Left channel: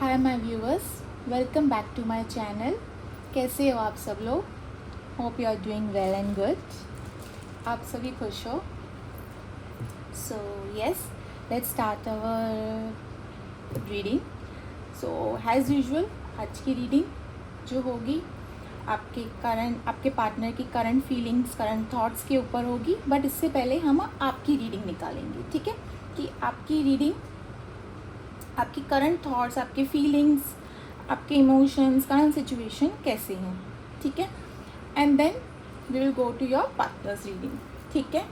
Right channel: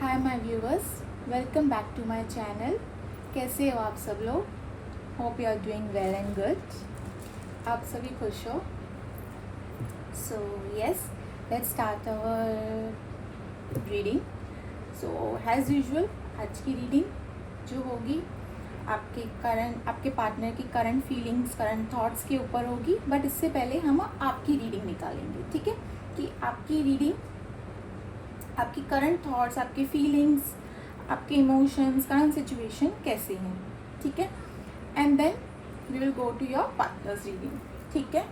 Hi my viewers, welcome back to my channel. कैसे हो आप सब लोग? Hope you are doing well and good. आप सभी खुश हो? So yes, let's start our reading. So as usual आज की रीडिंग जो होगी आपके पार्टनर की करंट फीलिंग्स, करंट थॉट्स के ऊपर होगी। बट इससे पहले हम आपकी रीडिंग निकालेंगे, ठीक है? कि आपकी रीडिंग, आपकी करंट थॉट्स, आपके फीलिंग्स, आपके इमोशंस, करंट सिचुएशन कैसे हैं, ठीक है? And then we will go to your partner's reading, ठीक है?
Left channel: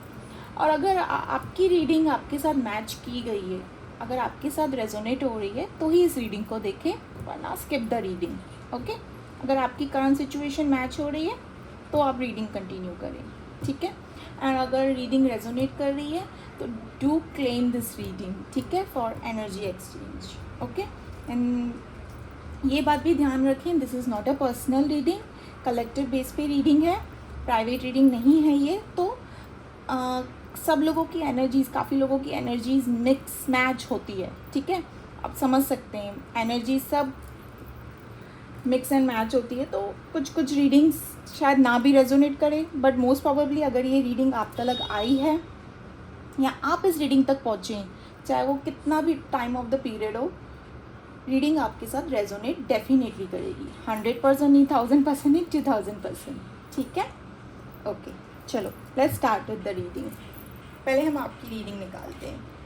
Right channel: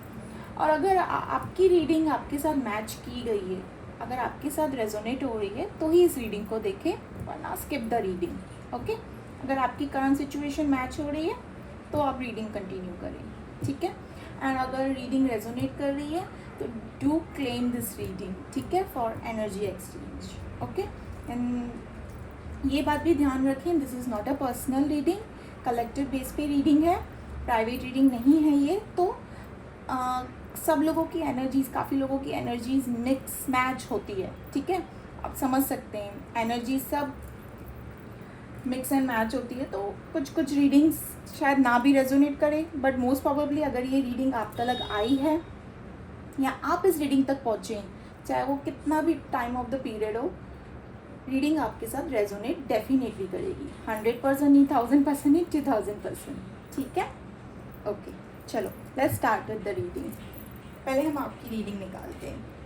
और अगर आपकी रीडिंग आपके साथ मैच की गई है, अगर आपके साथ रेजोनेट हो रही है तो ही इस रीडिंग को देखें, वरना स्किप द रीडिंग। ओके? अगर आपकी करंट सिचुएशन मैच हो रही है तो आप रीडिंग कंटिन्यू करें, ठीक है? एंड अगर रीडिंग रेजोनेट कर रही है तो डू क्लेम दिस रीडिंग, ठीक है, for energy exchange. Okay? And ये बात भी ध्यान रखें, this is not a personal reading, collective base पे रीडिंग है, प्राइवेट रीडिंग नहीं है ये। तो सब लोगों की एनर्जीज, काफ़ी लोगों की एनर्जीज मिक्स मैच होती है, ठीक है? आप समझ सकते हैं, एनर्जी सब मिक्स एंड मैच होती है। तो कुछ कुछ रीडिंग्स शायद ना भी रेजोनेट करें, बट मोस्ट प्रोबेबली अगर ये रीडिंग आप तक आई है या आप इस रीडिंग तक पहुँचे, चाहे वो कितना भी टाइम ऑफ द पीरियड हो, रीडिंग आपके साथ रेजोनेट डेफिनेटली करेगी। 100% नहीं, 1000% नहीं, 2000%, ठीक है? ओके, चलो let's start with the reading. पहले हम आपकी रीडिंग निकालते हैं।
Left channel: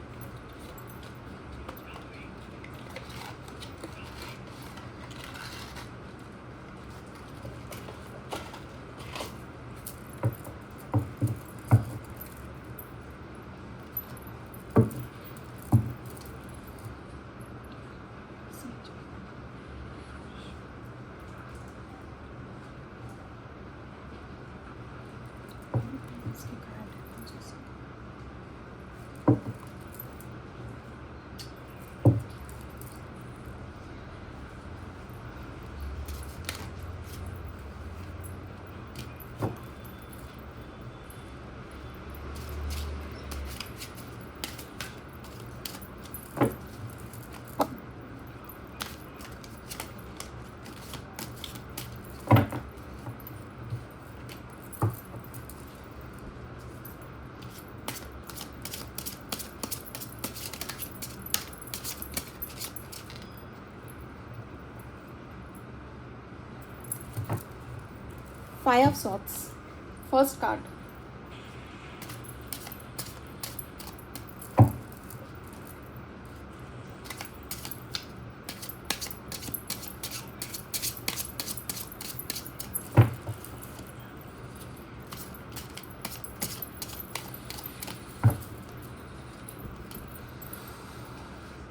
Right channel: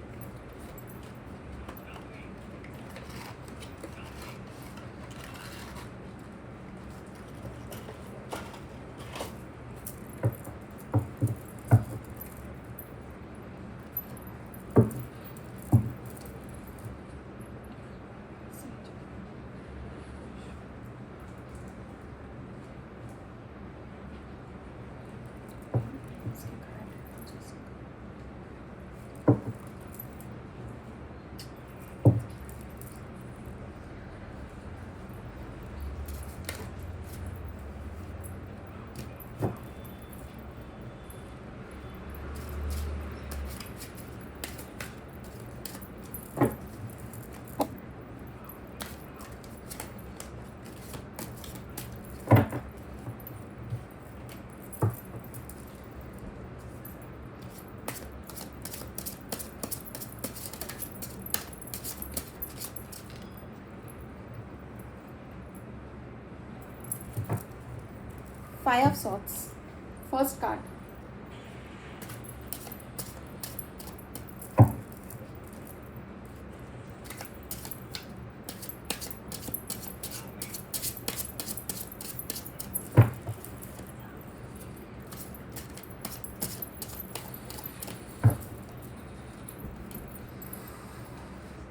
Five of Swords, first card.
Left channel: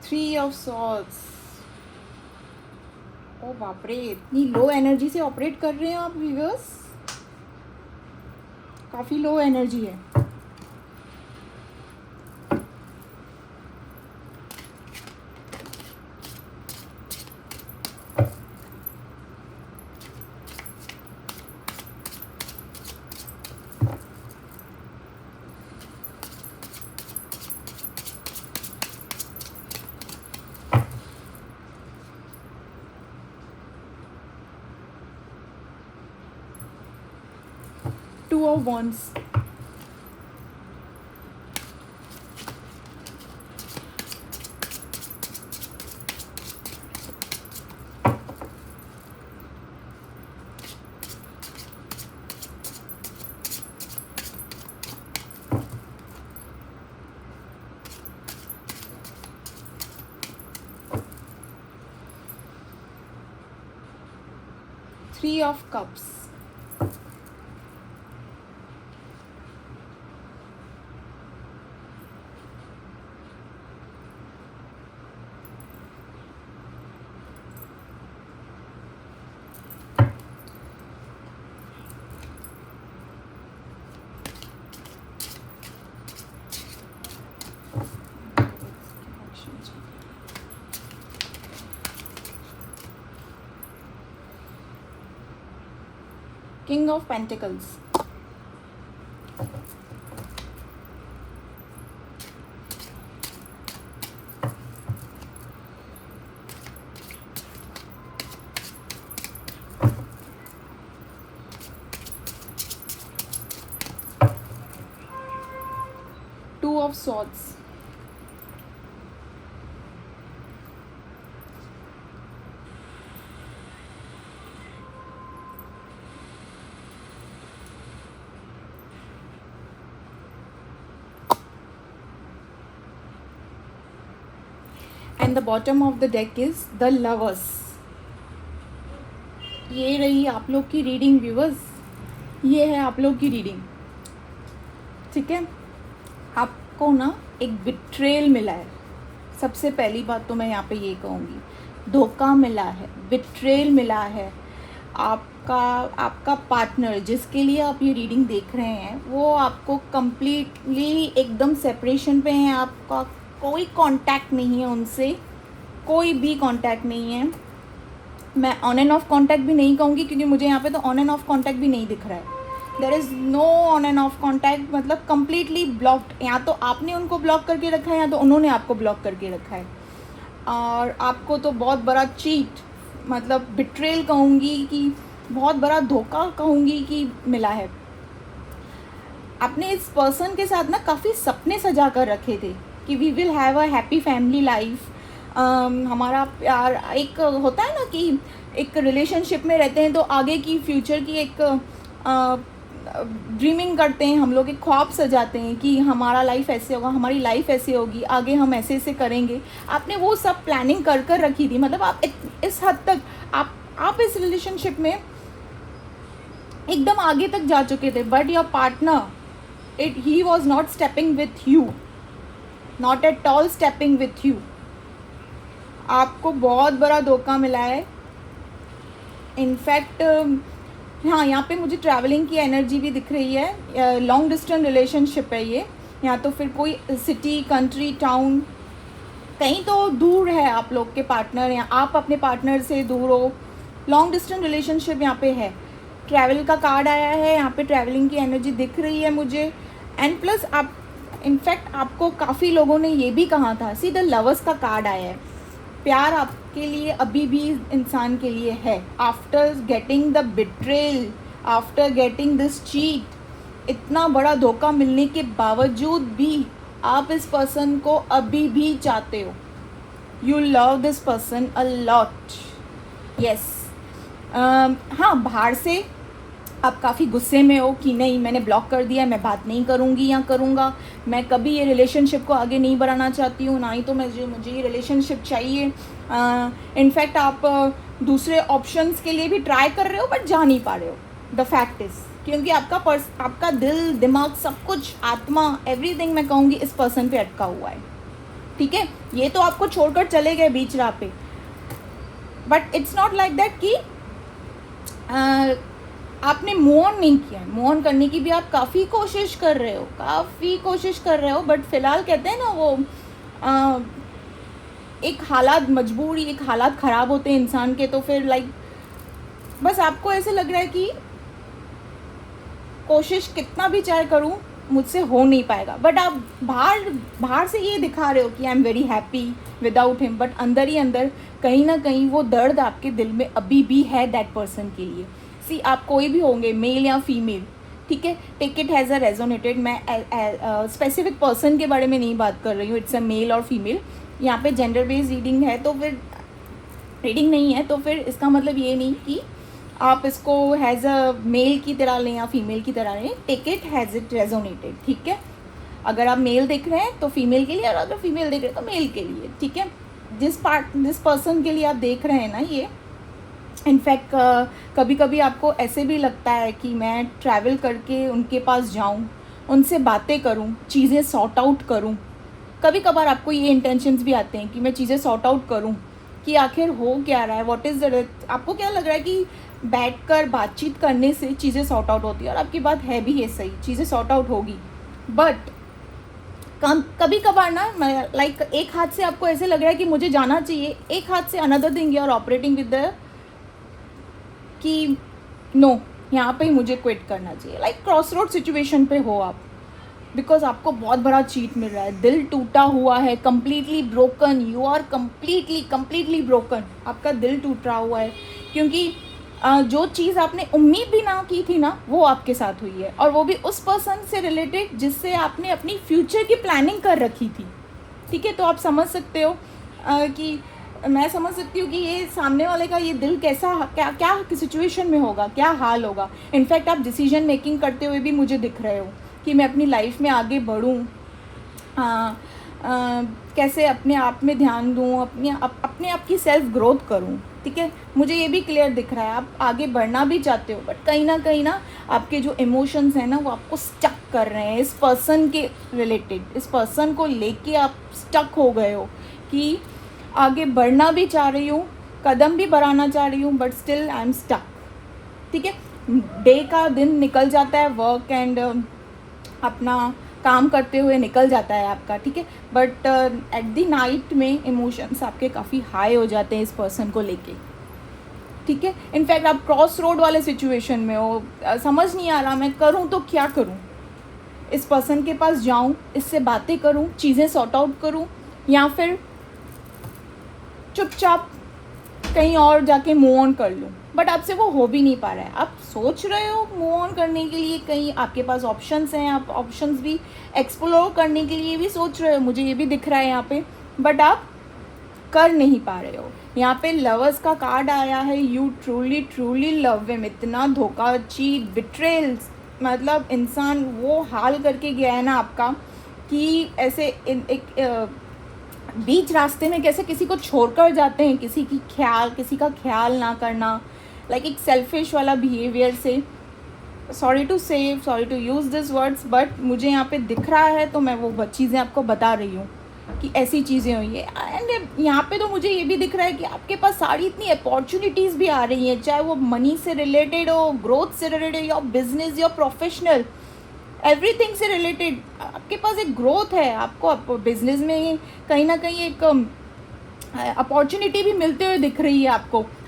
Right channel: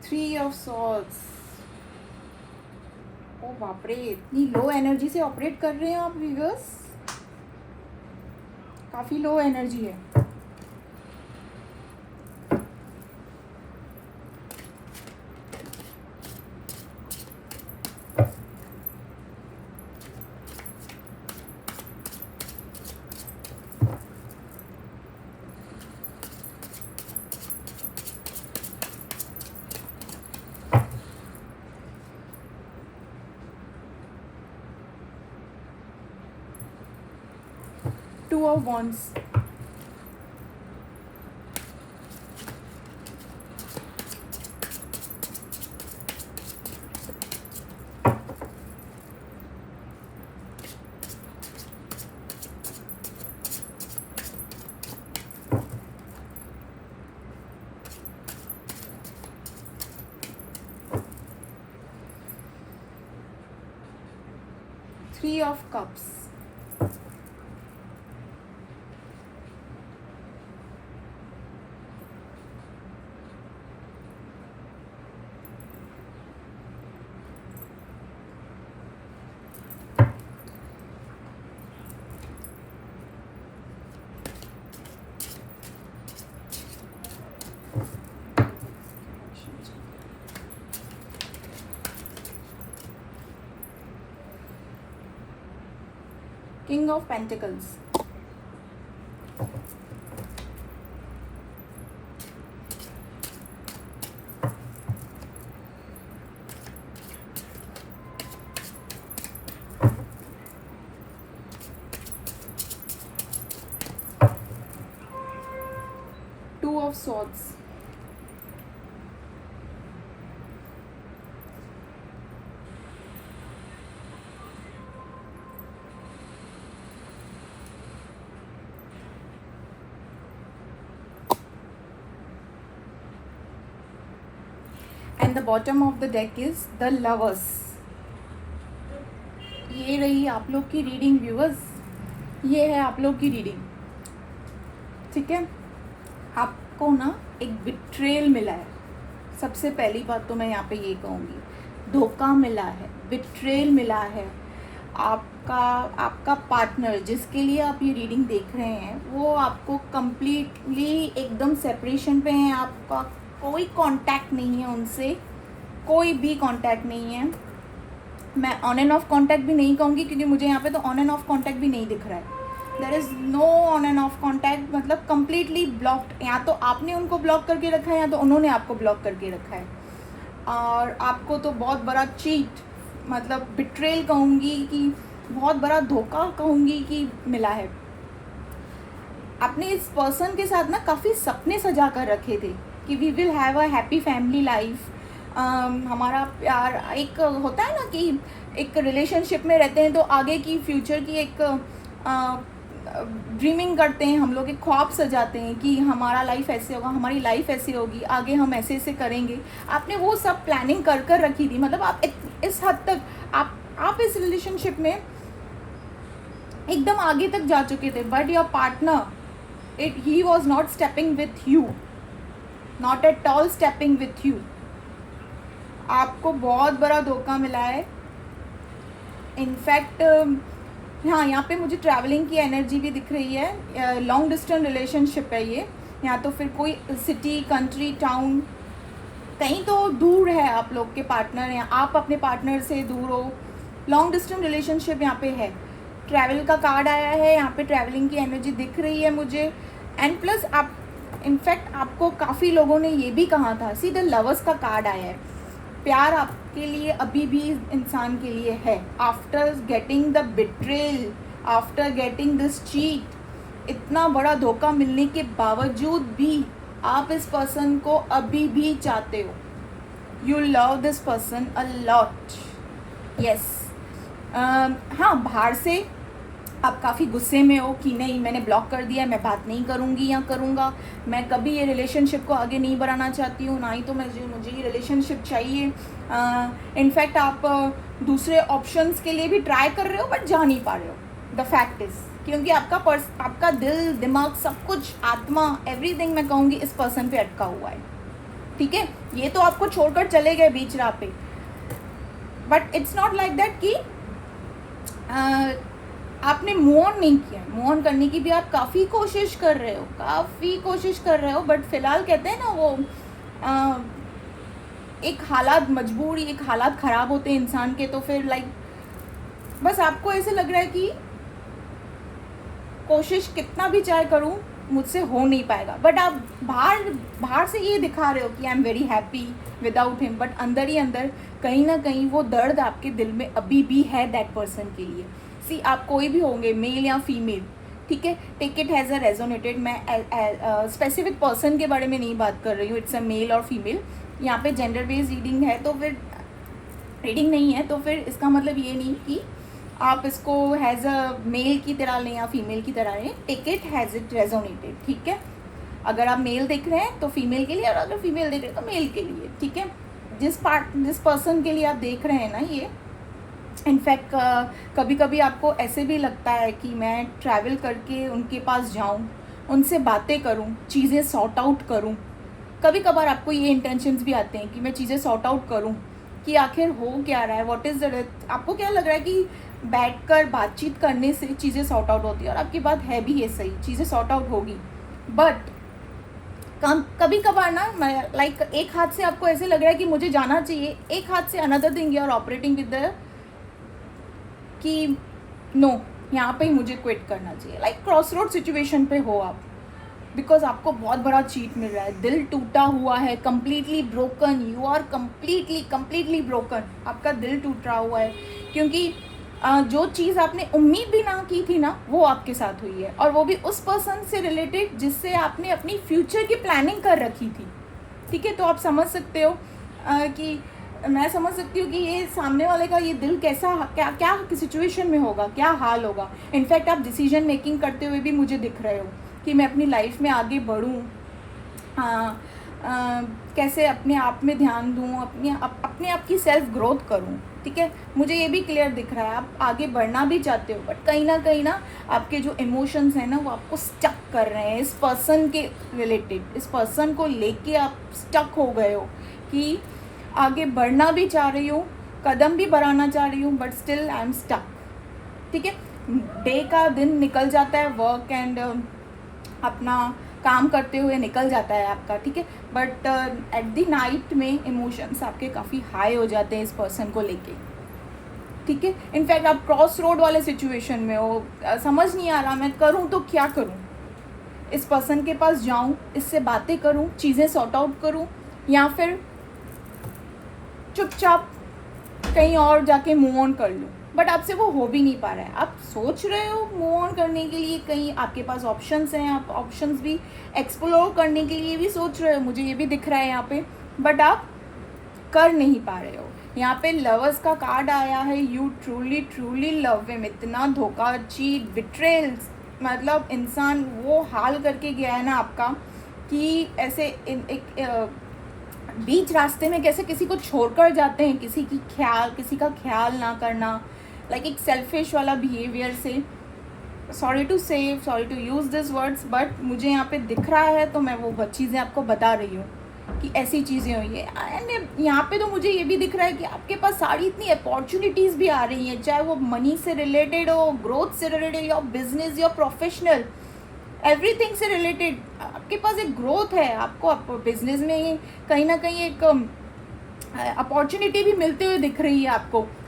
Three of Swords. ओ बाप रे, इतनी लो एनर्जी से ऑपरेट कर रहे हैं आप व्यूअर्स, काफी लो एनर्जी है। Two of Wands. Three of Cups. King of Pentacles. swords. And the bottom of the deck is the lovers. ये रही आप लोग की रीडिंग व्यूअर्स, ये है आप लोग की रीडिंग, ठीक है। आपको ना एक बिट्रेल मिला है, सबसे पहली बात तो मैं यहाँ पे ये कहूँगी, धोखा मिला है, बिट्रेल मिला है। आपका पार्टनर जिसके लिए आप ये रीडिंग देख रहे हैं वो आपको कम्प्लीटली एकदम सेपरेशन पे हैं, आपका कोई कांटेक्ट नहीं है उनसे, कोई भी कांटेक्ट नहीं है। मैं ऑन एंड ऑफ कांटेक्ट भी नहीं कहूँगी क्योंकि मुझे यहाँ पे तो ऑन एंड ऑफ कांटेक्ट भी नहीं दिख रहा है। There is no on and off contact, मतलब कम्प्लीटली ब्लॉक्ड। या तो आपने उनको ब्लॉक करके रखा है या तो उन्होंने आपको ब्लॉक करके रखा है। और आपको तो बहुत बड़ा चीट, मतलब बिट्रेल कहूँगी कि बहुत बड़ा धोखा कहूँगी कि मिला है। आपने इस पर्सन के साथ ना काफ़ी सपने सजा कर रखे थे कि we will have a happy family life. हमारा प्यार एक होता है ना कि एक रिलेशनशिप में रहते हैं तो आगे की फ्यूचर की एक ड्रीमिंग करते हैं हम लोग, एक ख्वाब सजाते हैं कि हमारा लाइफ ऐसे होगा, हमारी लाइफ ऐसे होगी, आगे हम ऐसे ऐसे करेंगे। आपने वो सब प्लानिंग कर कर रखी थी, मतलब आप इस हद तक आप इस रिलेशनशिप में एकदम आगे तक जा चुके थे। But your partner he was not stepping with you, not at all stepping with you. आपको बहुत बड़ा धोखा मिला है। इनफैक्ट हाँ, यहाँ पे मुझे ट्रैवलिंग की एनर्जी भी दिख रही है। लॉन्ग डिस्टेंस रिलेशनशिप है ये, या तो फिर कोई सिटी, कंट्री, टाउन, कहीं तो दूर है आप लोग के पार्टनर या आप अपने पार्टनर से दूर हो। लॉन्ग डिस्टेंस रिलेशनशिप यहाँ पे है। ट्रैवल का कार्ड आया है, यहाँ पे ट्रैवलिंग की एनर्जी दिख रही है मुझे। एंड प्लस आप इनफैक्ट आपको काफ़ी लोगों ने ये भी कहा था, सी द लवर्स का कार्ड आया है। प्यार आपके लिए अभी भी इंसान के लिए है। After getting the betrayal, after getting this cheat, इतना बड़ा धोखा मिलने के बावजूद भी आप इस पर्सन को अभी भी चाहते हो। You love this person a lot, yes. हाँ, बाहर से आप काफ़ी गुस्से में हो कि नहीं, मैंने ब्लॉक कर दिया, मैं बात नहीं करूँगी या करूँगा, मैं कभी ये रिलेशनशिप को आगे नहीं बढ़ाना चाहती हूँ, ना ही तो मुझे ये रिलेशनशिप चाहिए। इनफैक्ट आप दूसरे ऑप्शंस के लिए भी ट्राई कर रहे हो बट जा नहीं पा रहे हो। द फैक्ट इज़ क्योंकि आपका दिल, दिमाग, सब कुछ, आत्मा, एवरीथिंग मैं कहूँगी इस पर्सन पे अटका हुआ है, ठीक है। ये तो आपको छोड़कर चले गए बीच राह पे, but it's not like that कि आपने मूव ऑन नहीं किया। मूव ऑन करने की भी आप काफ़ी कोशिश कर रहे हो, बट फिलहाल कहते हैं ना वो एक हालात मजबूरी, एक हालात ख़राब होते हैं इंसान के, तो फिर लाइक बस आपको ऐसे लग रहा है कि कोशिश कितना भी चाहे करूं मुझसे हो नहीं पाएगा। बट आप बाहर से ये दिखा रहे हो कि I am very happy without him, but अंदर ही अंदर कहीं ना कहीं वो दर्द आपके दिल में अभी भी है दैट पर्सन के लिए। सी, आप कोई भी होंगे, मेल या फीमेल, ठीक है, take it has a resonated. मैं स्पेसिफिक पर्सन के बारे में नहीं बात कर रही हूँ, इट्स अ मेल और फीमेल। यहाँ पे जेंडर बेस्ड रीडिंग है तो फिर रीडिंग नहीं है तो फिर इसका मतलब ये नहीं कि आप इसको हैज़ अ मेल की तरह लें या फीमेल की तरह लें। Take it has it resonated, ठीक है। अगर आप मेल देख रहे हैं तो फीमेल के लिए, और अगर फीमेल देख रहे हैं तो मेल के लिए, ठीक है। जिस पर्सन के लिए आप देख रहे हैं ना, ये इनफैक्ट कभी कभी आपको ऐसे भी लगता है कि मैं ट्रैवल करके उनके पास जाऊं, उनसे बातें करूं, चीज़ें सॉर्ट आउट करूं। कभी कभार आपको ये इंटेंशंस भी आते हैं कि मैं चीज़ें सॉर्ट आउट करूं कि आखिर हो क्या रहा है, व्हाट इज़ द, आपको क्या लग रहा है कि बैठकर बातचीत करने से चीज़ें सॉर्ट आउट होती है, और आपकी बात है भी ये सही, चीज़ें सॉर्ट आउट होगी। बट कभी कभार ना लाइक एक हाथ से आपको ऐसे लग रहा है कि मुझे जाना चाहिए, एक हाथ से another thing you are operating with the कि नो, यहाँ पे ही मुझे क्विट करना चाहिए। लाइक क्रॉस रोड सिचुएशन पे हो आप, बिकॉज आपको बहुत बड़ा चीट मिल रहा है, दिल टूटा हुआ है, completely broken, you are completely broken, आपका दिल टूटा हुआ है। क्योंकि जो चीज़ आपने उम्मीद भी ना की थी ना, वो आपके साथ हुई है, और वो भी उस पर्सन से रिलेटेड जिससे आपने अपनी फ्यूचर की प्लानिंग कर रखी थी। ठीक है, तो आप समझ सकते हो कि मैं समझ सकती हूँ कि ये सामने वाले का ये दिल कैसा, क्या क्या सिचुएशन में होगा, क्या हाल होगा। इनफैक्ट आप डिसीजन मेकिंग करते हुए भी मुझे दिख रहे हो कि मैं अपनी लाइफ में आगे बढ़ूँ, कैसे अपने आप में ध्यान दूँ, अपने आप की सेल्फ ग्रोथ करूँ। ठीक है, मुझे ये भी क्लियर दिख रहा है आप आगे बढ़ना भी चाहते हो, बट कहीं ना आपके जो इमोशंस हैं ना, वो आपको स्टक कर रहे हैं इस पर्सन के रिलेटेड। इस पर्सन को लेके आप स्टक हो गए हो कि आगे बढ़ना भी चाह रही हूँ, कदम भी बढ़ाना चाह रही हूँ, but still I am stuck. ठीक है, डे का दिन निकल जाता है, वर्क एंड अपना काम करते हुए निकल जाता है आपका। ठीक है, बट एट द नाइट में इमोशंस आपके काफ़ी हाई हो जाते हैं इस पर्सन को लेके। ठीक है, इनफैक्ट आप क्रॉस रोड वाले सिचुएशन में हो, समझ नहीं आ रहा मैं करूँ तो क्या करूँ। इस पर्सन के पास जाऊँ, इससे बातें करूँ, चीज़ें सॉर्ट आउट करूँ, या फिर चुपचाप कहीं और जाके मूव ऑन कर लूँ। बट आपसे वो हो भी नहीं पा रहा है। आप सोच रहे हो मूव ऑन करने के लिए, कहीं आपके पास ऑप्शंस हैं, आप ऑप्शंस भी एक्सप्लोर करने के लिए भी सोच रहे हो, मुझे ये भी दिख रहा है यहाँ पे, बट आप कर नहीं पा रहे हो। यहाँ पे लवर्स का कार्ड आया है, you truly truly love him. इतना धोखा, चीट, बिट्रेल्स, मतलब इंसान वो हाल करके गया है ना आपका कि ऐसे एक बीच रास्ते में कैसे किसी को छोड़कर जाते हैं, किसी का ख्याल ना करना, लाइक एक सेल्फिश वाला बिहेवियर से। Sorry to use this words, but मुझे यहाँ पे दिख रहा है, तो मैं वो चीज़ें आपको बता रही हूँ कि ऐसी चीज़ें हुई है। एंड यहाँ पे तो मुझे ये भी दिख रहा है कि आपके पास सारी इतनी अपॉर्चुनिटीज़ भी आ रही हैं, चाहे वो मनी से रिलेटेड हो, ग्रोथ से रिलेटेड, या बिजनेस या प्रोफेशनल, एवरीथिंग से रिलेटेड आपके पास एक ग्रोथ है। आपको बिजनेस में कहीं ना कहीं एक अपॉर्चुनिटी भी मिलते हुए दिख रही है,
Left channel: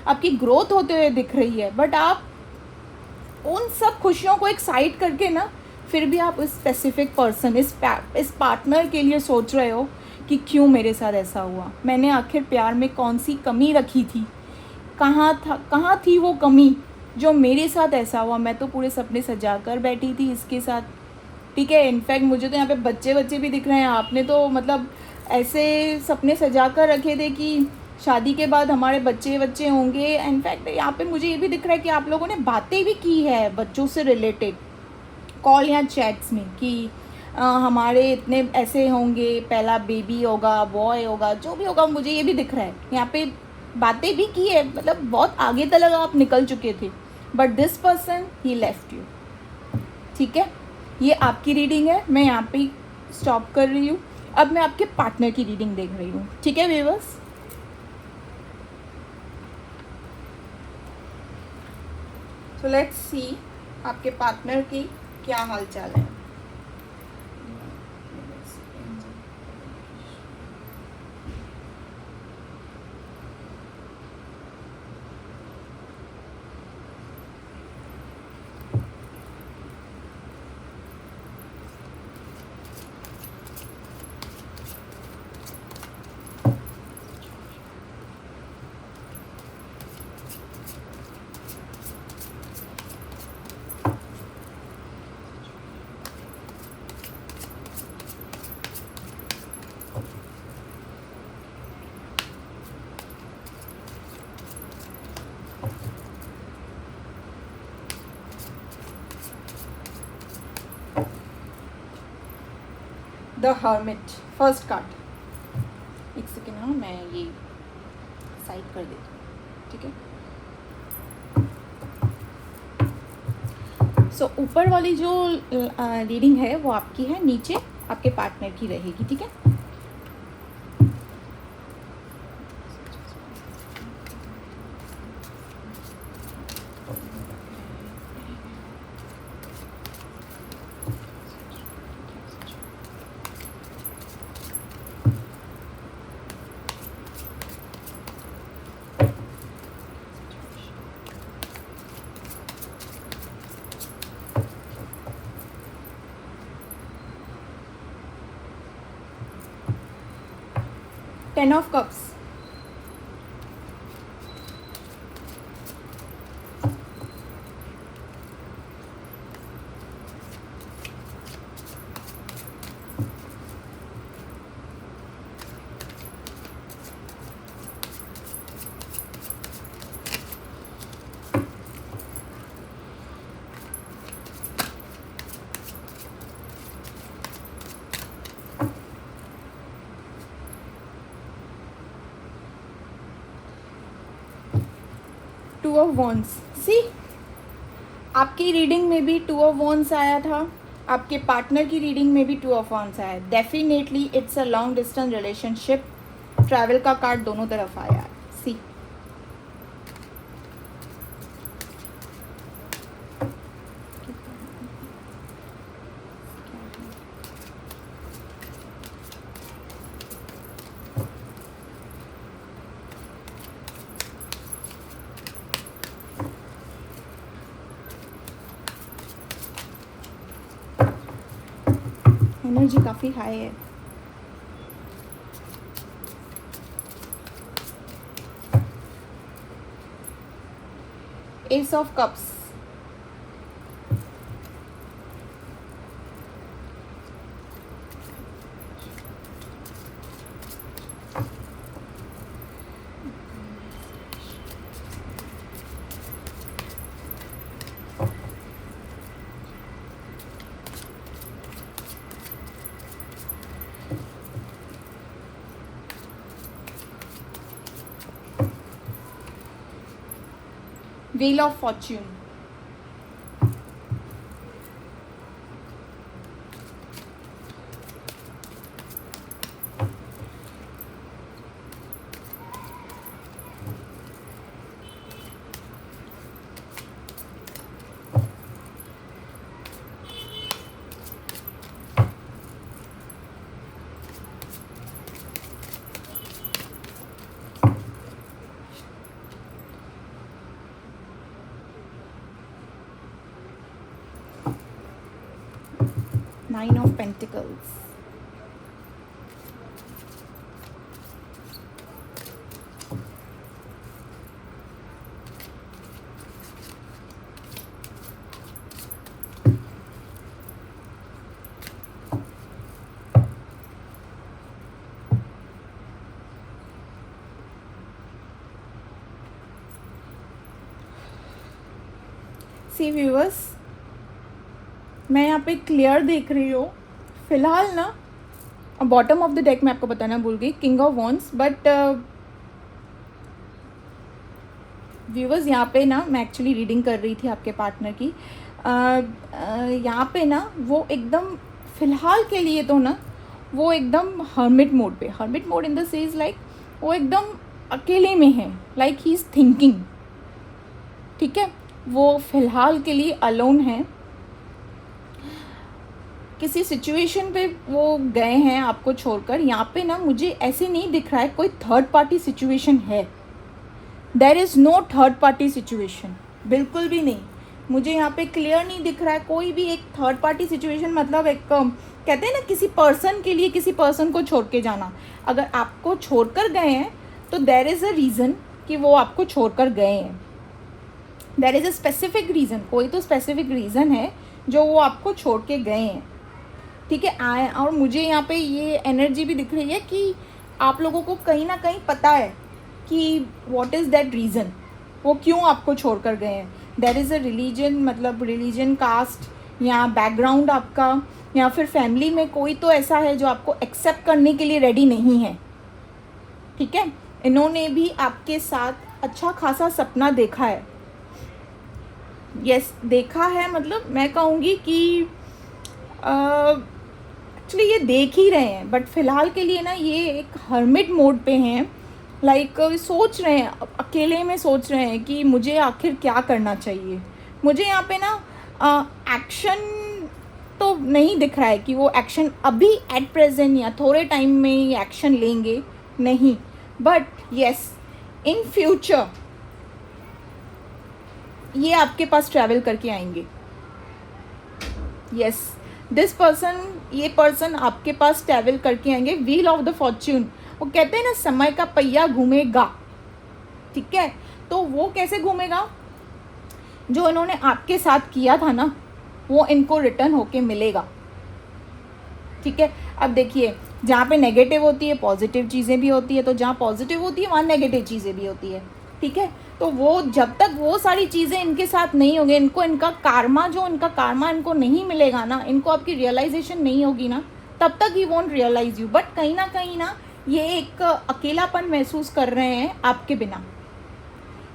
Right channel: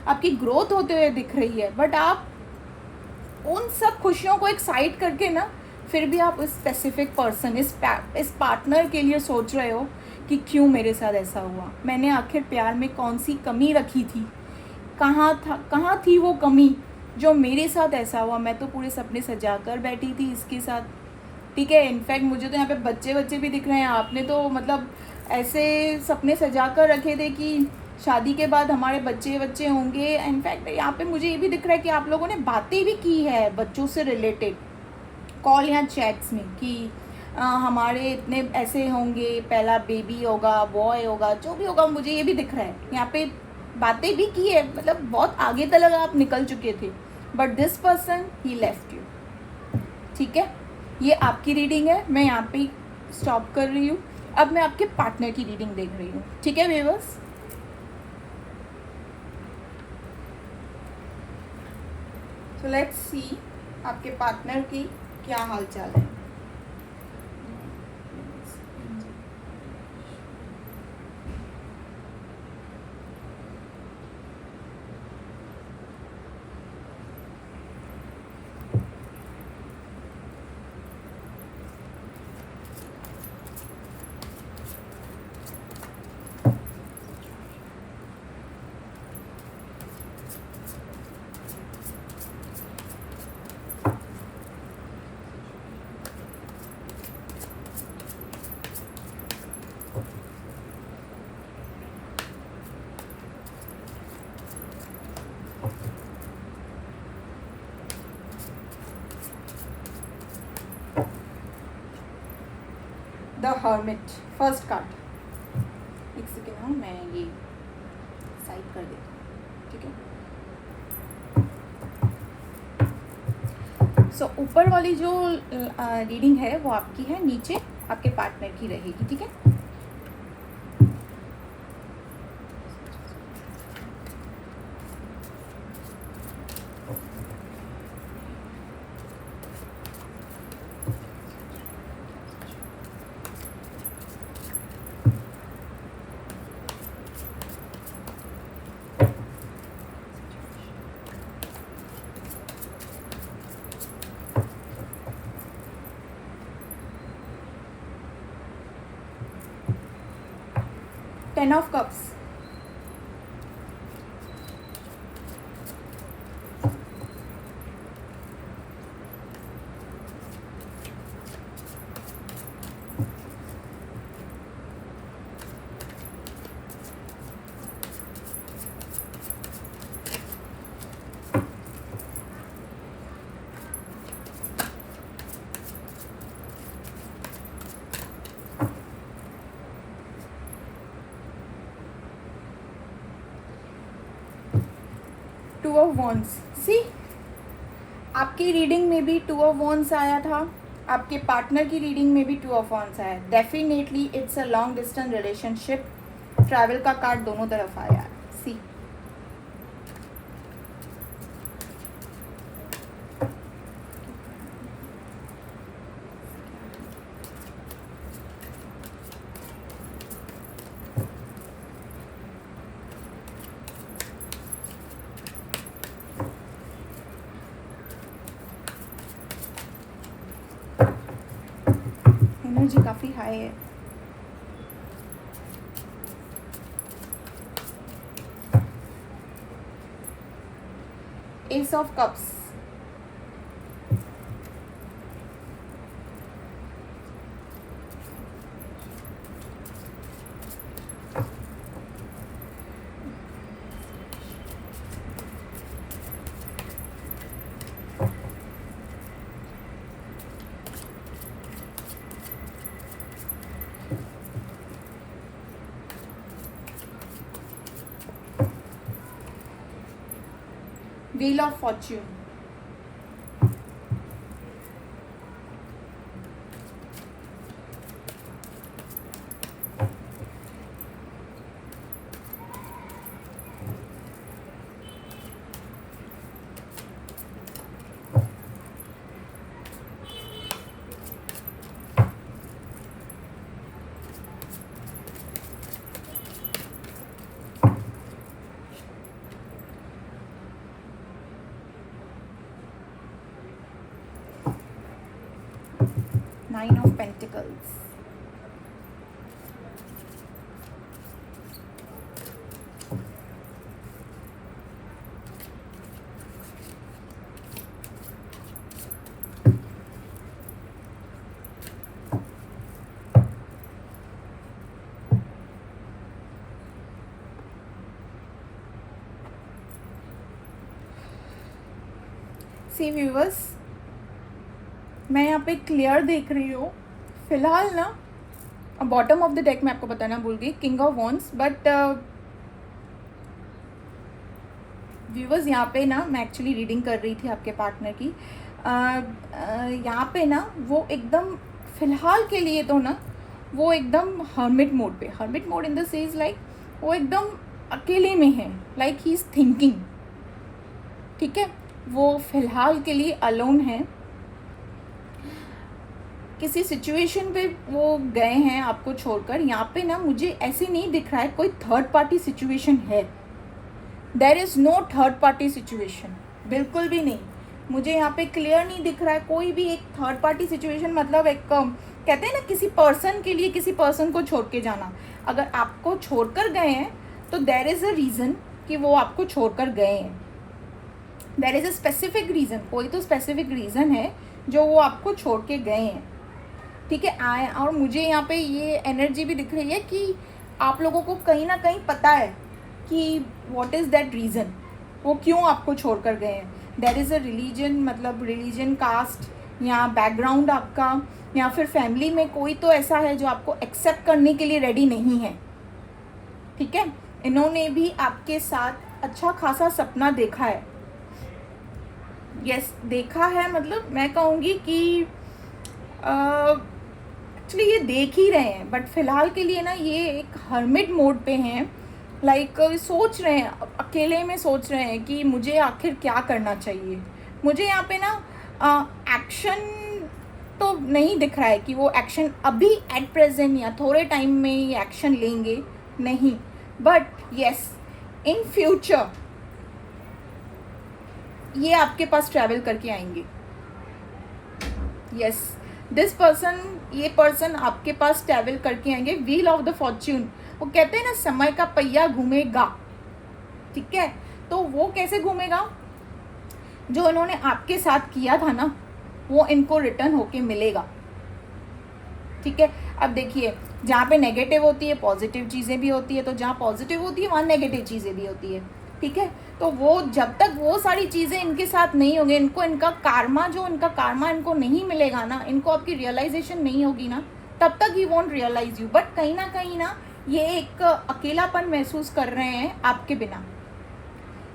आपकी ग्रोथ होते हुए दिख रही है, बट आप उन सब खुशियों को एक साइड करके ना, फिर भी आप इस स्पेसिफिक पर्सन, इस पार्टनर के लिए सोच रहे हो कि क्यों मेरे साथ ऐसा हुआ, मैंने आखिर प्यार में कौन सी कमी रखी थी, कहाँ थी वो कमी जो मेरे साथ ऐसा हुआ। मैं तो पूरे सपने सजा कर बैठी थी इसके साथ। ठीक है, इनफैक्ट मुझे तो यहाँ पे बच्चे भी दिख रहे हैं। आपने तो मतलब ऐसे सपने सजा कर रखे थे कि शादी के बाद हमारे बच्चे होंगे। इनफैक्ट यहाँ पे मुझे ये भी दिख रहा है कि आप लोगों ने बातें भी की है बच्चों से रिलेटेड, कॉल या चैट्स में, कि हमारे इतने ऐसे होंगे, पहला बेबी होगा, बॉय होगा, जो भी होगा। मुझे ये भी दिख रहा है यहाँ पे बातें भी की है, मतलब बहुत आगे तक आप निकल चुके थे, but this person he left you. ठीक है, ये आपकी रीडिंग है, मैं यहाँ पे स्टॉप कर रही हूँ। अब मैं आपके पार्टनर की रीडिंग देख रही हूँ। ठीक है व्यूअर्स, तो लेट्स सी आपके पार्टनर की क्या हालचाल है। The hermit, first card. एक सेकेंड, हाँ मैं ये साइड कर देती हूँ। ठीक है, सो ऊपर वाली जो रीडिंग है वो आपकी है, नीचे आपके पार्टनर की रहेगी। ठीक है, ten of cups, two of wands, see आपकी रीडिंग में भी टू ऑफ वॉन्ड्स आया था, आपके पार्टनर की रीडिंग में भी टू ऑफ वॉन्ड्स आया। Definitely it's a long distance relationship. Travel का कार्ड दोनों तरफ आया है। सी एनर्जी काफी हाई है। Ace of cups, wheel of fortune, nine of pentacles, see viewers, मैं यहाँ पे क्लियर देख रही हूँ फिलहाल ना। बॉटम ऑफ द डेक मैं आपको बताना भूल गई, king of wands. But viewers यहाँ पे ना मैं एक्चुअली रीडिंग कर रही थी आपके पार्टनर की। यहाँ पे ना वो एकदम फिलहाल के लिए तो ना वो एकदम हर्मिट मोड पे, hermit mode in the sense like वो एकदम अकेले में है, लाइक ही इज थिंकिंग। ठीक है, वो फिलहाल के लिए अलोन है। किसी सिचुएशन पे वो गए हैं आपको छोड़कर। यहाँ पे ना मुझे ऐसे नहीं दिख रहा है कोई थर्ड पार्टी सिचुएशन है। There is no third party situation, बिल्कुल भी नहीं। मुझे यहाँ पे क्लियर नहीं दिख रहा है कोई भी एक थर्ड पार्टी सिचुएशन। मतलब एक कहते हैं ना किसी पर्सन के लिए किसी पर्सन को छोड़ के जाना। अगर आपको छोड़कर गए हैं तो देयर इज अ रीजन कि वो आपको छोड़कर गए हैं। There is a specific reason, कोई तो स्पेसिफिक रीजन है जो वो आपको छोड़ के गए हैं। ठीक है, आए। और मुझे यहाँ पे ये एनर्जी भी दिख रही है कि आप लोगों को कहीं ना कहीं पता है कि व्हाट इज़ दैट रीज़न, वो क्यों आपको छोड़कर गए हैं। देयर इज़ अ रिलीजन, मतलब रिलीजन, कास्ट या बैकग्राउंड आपका, या फिर फैमिली में कोई तो ऐसा है जो आपको एक्सेप्ट करने के लिए रेडी नहीं है। ठीक है, इन्होंने भी आपके साथ अच्छा खासा सपना देखा है। यस, देखा है, मतलब मैं कहूँगी कि एक्चुअली ये देख ही रहे हैं। बट फिलहाल के लिए ना ये एक हर्मिट मोड पे हैं। लाइक सोच रहे हैं, अकेले में सोच रहे हैं कि मुझे आखिर क्या करना चाहिए। मुझे यहाँ पे ना एक्शन तो नहीं दिख रहा है कि वो एक्शन अभी एट प्रेजेंट या थोड़े टाइम में ये एक्शन लेंगे, नहीं। बट यस, इन फ्यूचर ये आपके पास ट्रैवल करके आएंगे। यस, दिस पर्सन, ये पर्सन आपके पास ट्रैवल करके आएंगे। व्हील ऑफ द फॉर्च्यून, वो कहते हैं ना समय का पहिया घूमेगा। ठीक है, तो वो कैसे घूमेगा, जो इन्होंने आपके साथ किया था ना वो इनको रिटर्न होके मिलेगा। ठीक है, अब देखिए जहाँ पे नेगेटिव होती है पॉजिटिव चीज़ें भी होती है, तो जहाँ पॉजिटिव होती है वहाँ नेगेटिव चीज़ें भी होती है। ठीक है, तो वो जब तक वो सारी चीज़ें इनके साथ नहीं होंगे, इनको इनका कार्मा, जो इनका कार्मा इनको नहीं मिलेगा ना, इनको आपकी रियलाइजेशन नहीं होगी ना, तब तक ही वोंट रियलाइज यू। बट कहीं ना ये एक अकेलापन महसूस कर रहे हैं आपके बिना।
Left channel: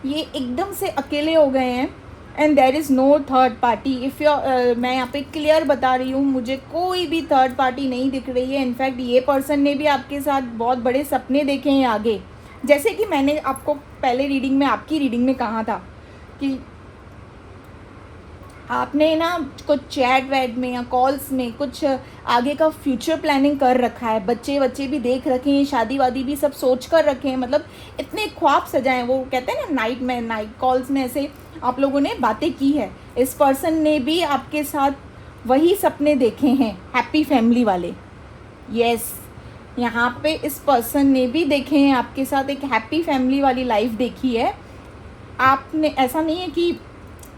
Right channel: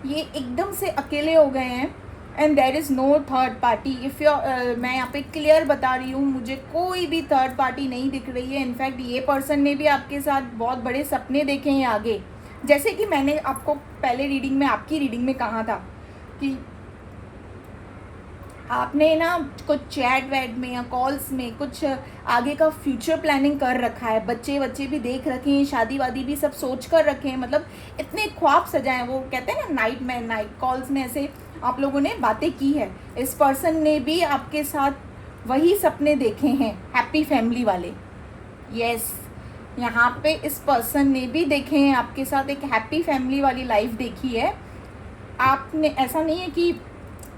ये एकदम से अकेले हो गए हैं and there is no third party. If you मैं यहाँ पे क्लियर बता रही हूँ, मुझे कोई भी थर्ड पार्टी नहीं दिख रही है। इनफैक्ट ये पर्सन ने भी आपके साथ बहुत बड़े सपने देखे हैं आगे, जैसे कि मैंने आपको पहले रीडिंग में, आपकी रीडिंग में कहा था कि आपने ना कुछ चैट वैट में या कॉल्स में कुछ आगे का फ्यूचर प्लानिंग कर रखा है, बच्चे बच्चे भी देख रखे हैं, शादी वादी भी सब सोच कर रखे हैं, मतलब इतने ख्वाब सजाए। वो कहते हैं ना नाइट कॉल्स में ऐसे आप लोगों ने बातें की है। इस पर्सन ने भी आपके साथ वही सपने देखे हैं, हैप्पी फैमिली वाले। यस, यहाँ पे इस पर्सन ने भी देखे हैं आपके साथ, एक हैप्पी फैमिली वाली लाइफ देखी है आपने। ऐसा नहीं है कि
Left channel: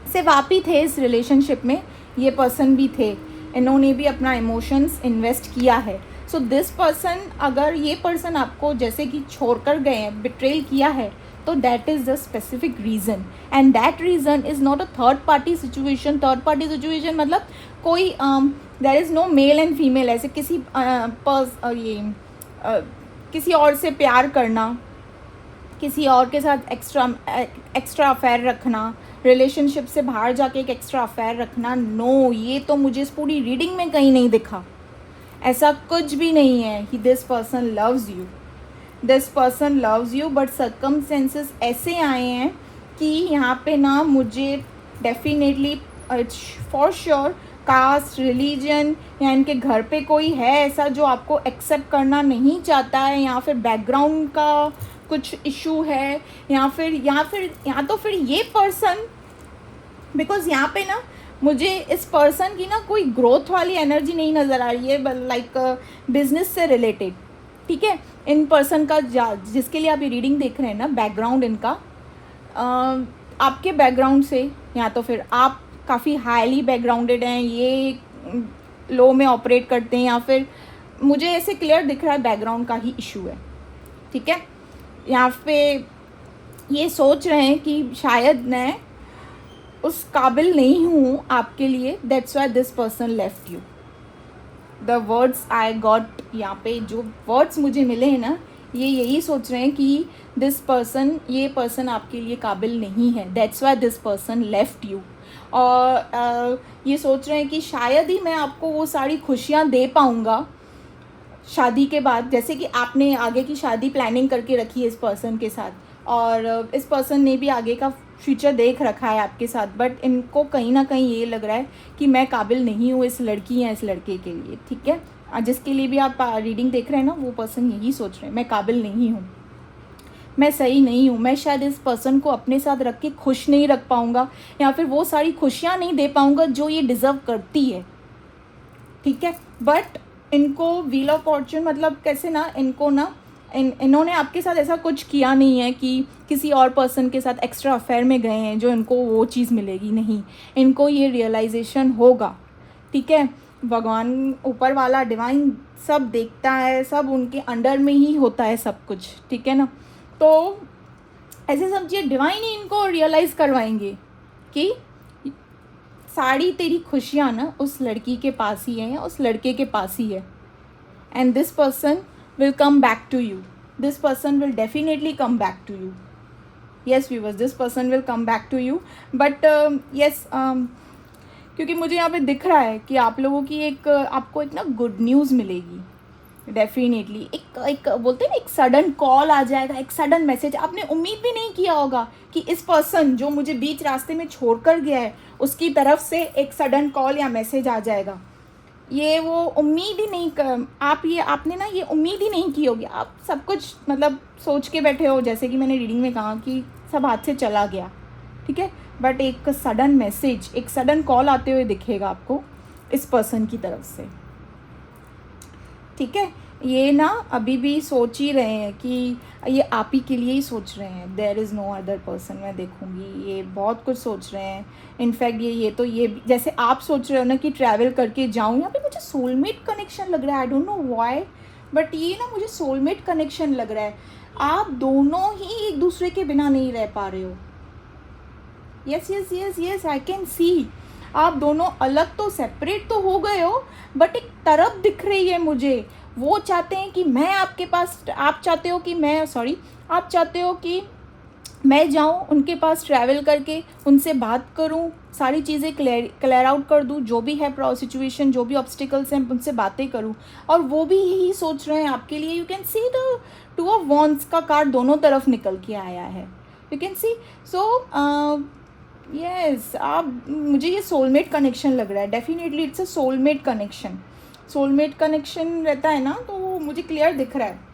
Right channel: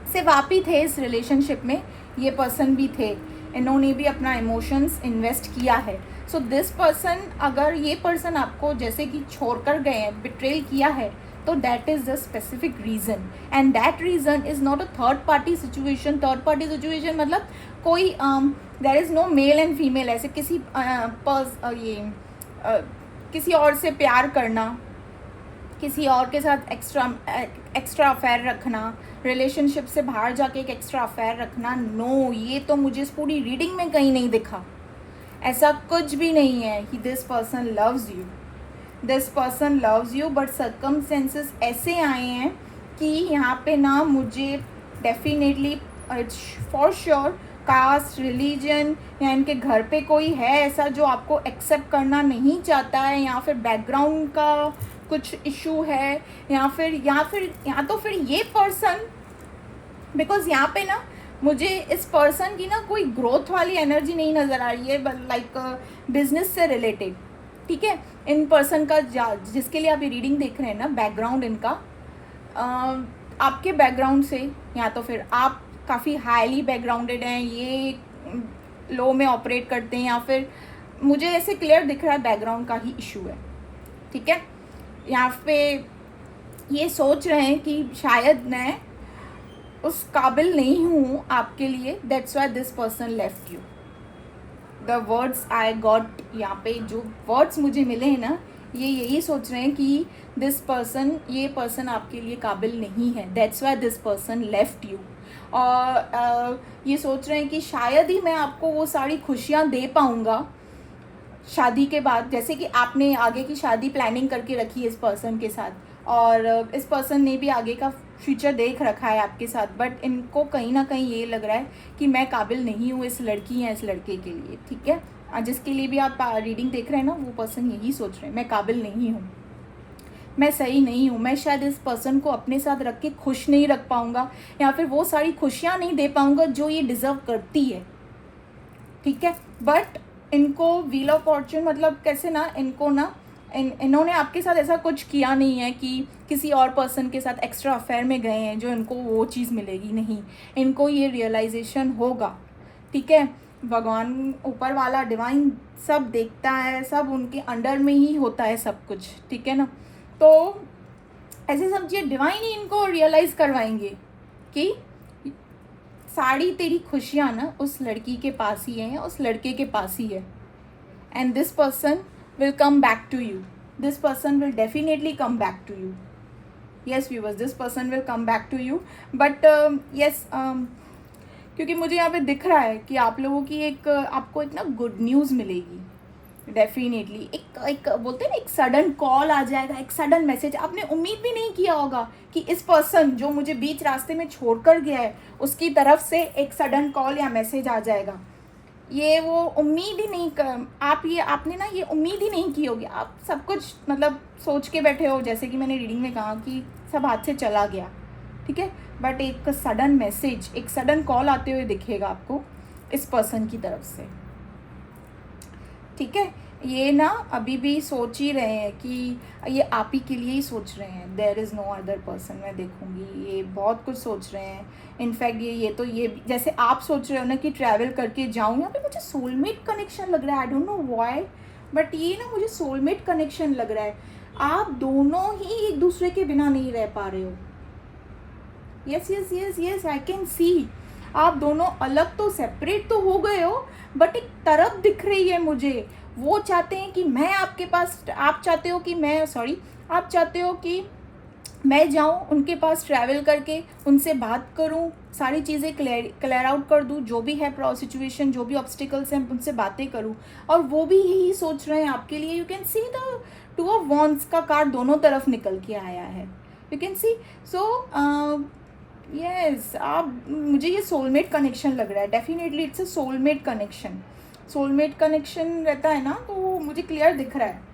सिर्फ आप ही थे इस रिलेशनशिप में, ये पर्सन भी थे, इन्होंने भी अपना इमोशंस इन्वेस्ट किया है। सो दिस पर्सन, अगर ये पर्सन आपको जैसे कि छोड़कर गए हैं, बिट्रेल किया है, तो that is the specific reason and that reason is not a third party situation. Third party situation मतलब कोई there is no male and female, ऐसे किसी किसी और से प्यार करना, किसी और के साथ एक्स्ट्रा अफेयर रखना, रिलेशनशिप से बाहर जाके एक एक्स्ट्रा अफेयर रखना, नो, ये तो मुझे इस पूरी रीडिंग में कहीं नहीं दिखा। ऐसा कुछ भी नहीं है कि this person loves you, this person loves you, but circumstances ऐसे आए हैं कि यहाँ पे ना मुझे definitely for sure caste, religion या इनके घर पे कोई है ऐसा जो आपको एक्सेप्ट करना नहीं चाहता है, या फिर बैकग्राउंड का कुछ इशू है, या तो फिर ये पर्सन, बिकॉज यहाँ पे ना मुझे इस पर्सन की ना कोई ग्रोथ वाली एनर्जी नहीं नज़र आ रही है, लाइक बिजनेस से रिलेटेड। ठीक है, इन पर्सन का जिसके लिए आप ये रीडिंग देख रहे हैं ना, बैकग्राउंड इनका आपके बैकग्राउंड से, या तो फिर आप काफ़ी हाईली बैकग्राउंडेड हैं, ये लो में ऑपरेट करते हैं, या फिर मुझे ऐसे क्लियर दिख रहा है बैकग्राउंड का ही इशू है। ठीक है, यहाँ पे ये सोच रहे हैं कि शायद मैं उस काबिल नहीं हूँ आपके लिए, that's why this person left you. The words I got, यहाँ पे जो वर्ड्स मुझे मिले हैं ना, ये यही सोच रहे हैं कि ये पर्सन आपके लिए काबिल नहीं है, that's why this person left you. और ये सोच रहे हैं कि शायद ही मैं आपको वो सारी खुशियाँ दे पाऊँगा शादी के बाद, जैसे कि आपने आगे की शादी प्लानिंग करके रखी है इस पर्सन के साथ, और इस पर्सन ने भी आगे का फ्यूचर देख रखा है आपके साथ, बट इनको कहीं ना कहीं ये लग रहा है कि मैं काबिल नहीं हूँ इस लड़की या इस लड़के के लिए। ठीक है, जिसके लिए भी आप रीडिंग देख रहे हैं ना, वो पर्सन यही सोच रहे हैं, मैं काबिल नहीं हूँ, मैं सही नहीं हूँ, मैं शायद इस पर्सन को अपने साथ रख के खुश नहीं रख पाऊँगा, या फिर वो सारी खुशियाँ नहीं दे पाऊँगा जो ये डिज़र्व करती है। ठीक है, बट इनको व्हील ऑफ फॉर्चून, मतलब कैसे ना, इनको ना इन्होंने आपके साथ ऐसा कुछ किया नहीं है कि किसी और पर्सन के साथ एक्स्ट्रा अफेयर में गए हैं जो इनको वो चीज़ मिलेगी, नहीं, इनको ये रियलाइजेशन होगा। ठीक है, भगवान ऊपर वाला डिवाइन सब देखता है, सब उनके अंडर में ही होता है सब कुछ। ठीक है ना, तो ऐसे सब चीज़ें डिवाइन ही इनको रियलाइज़ करवाएंगे कि सारी तेरी खुशियाँ ना उस लड़की के पास ही है या उस लड़के के पास ही है, and this person will come back to you. This person will definitely come back to you. Yes viewers, this person will come back to you. But yes, क्योंकि मुझे यहाँ पे दिख रहा है कि आप लोगों की आपको एक ना गुड न्यूज़ मिलेगी डेफिनेटली। एक बोलते हैं ना, एक सडन कॉल आ जाएगा, एक सडन मैसेज। आपने उम्मीद भी नहीं किया होगा कि इस पर्सन जो मुझे बीच रास्ते में छोड़कर गया है उसकी तरफ से एक सडन कॉल या मैसेज आ जाएगा। ये वो उम्मीद ही नहीं आपने ना ये उम्मीद ही नहीं की होगी। आप सब कुछ मतलब सोच के बैठे हो, जैसे कि मैंने रीडिंग में कहा कि सब हाथ से चला गया। ठीक है, बट एक सडन मैसेज, एक सडन कॉल आते हुए दिखेगा आपको इस पर्सन की तरफ से। ठीक है, ये ना अभी भी सोच ही रहे हैं कि ये आप ही के लिए ही सोच रहे हैं, there is no other person. मैं देखूंगी, ये बहुत कुछ सोच रहे हैं। इनफैक्ट ये जैसे आप सोच रहे हो ना कि ट्रैवल करके जाऊँ, यहाँ पे मुझे सोलमेट कनेक्शन लग रहा है। I don't know why, but ये ना मुझे सोलमेट कनेक्शन लग रहा है। आप दोनों ही एक दूसरे के बिना नहीं रह पा रहे हो। Yes yes yes yes, I can see. आप दोनों अलग तो, सेपरेट तो हो गए हो, बट एक तरफ दिख रही है मुझे। वो चाहते हैं कि मैं आपके पास, आप चाहते हो कि मैं जाऊँ उनके पास, ट्रैवल करके उनसे बात करूँ, सारी चीज़ें क्लियर आउट कर दूँ, जो भी है सिचुएशन, जो भी ऑब्स्टिकल्स हैं उनसे बातें करूँ, और वो भी यही सोच रहे हैं आपके लिए। You can see the two of wands का कार्ड दोनों तरफ निकल के आया है, you can C. So yes, आप, मुझे ये सोलमेट कनेक्शन लग रहा है, definitely it's a soulmate connection. Soulmate connection रहता है ना, तो मुझे क्लियर दिख रहा है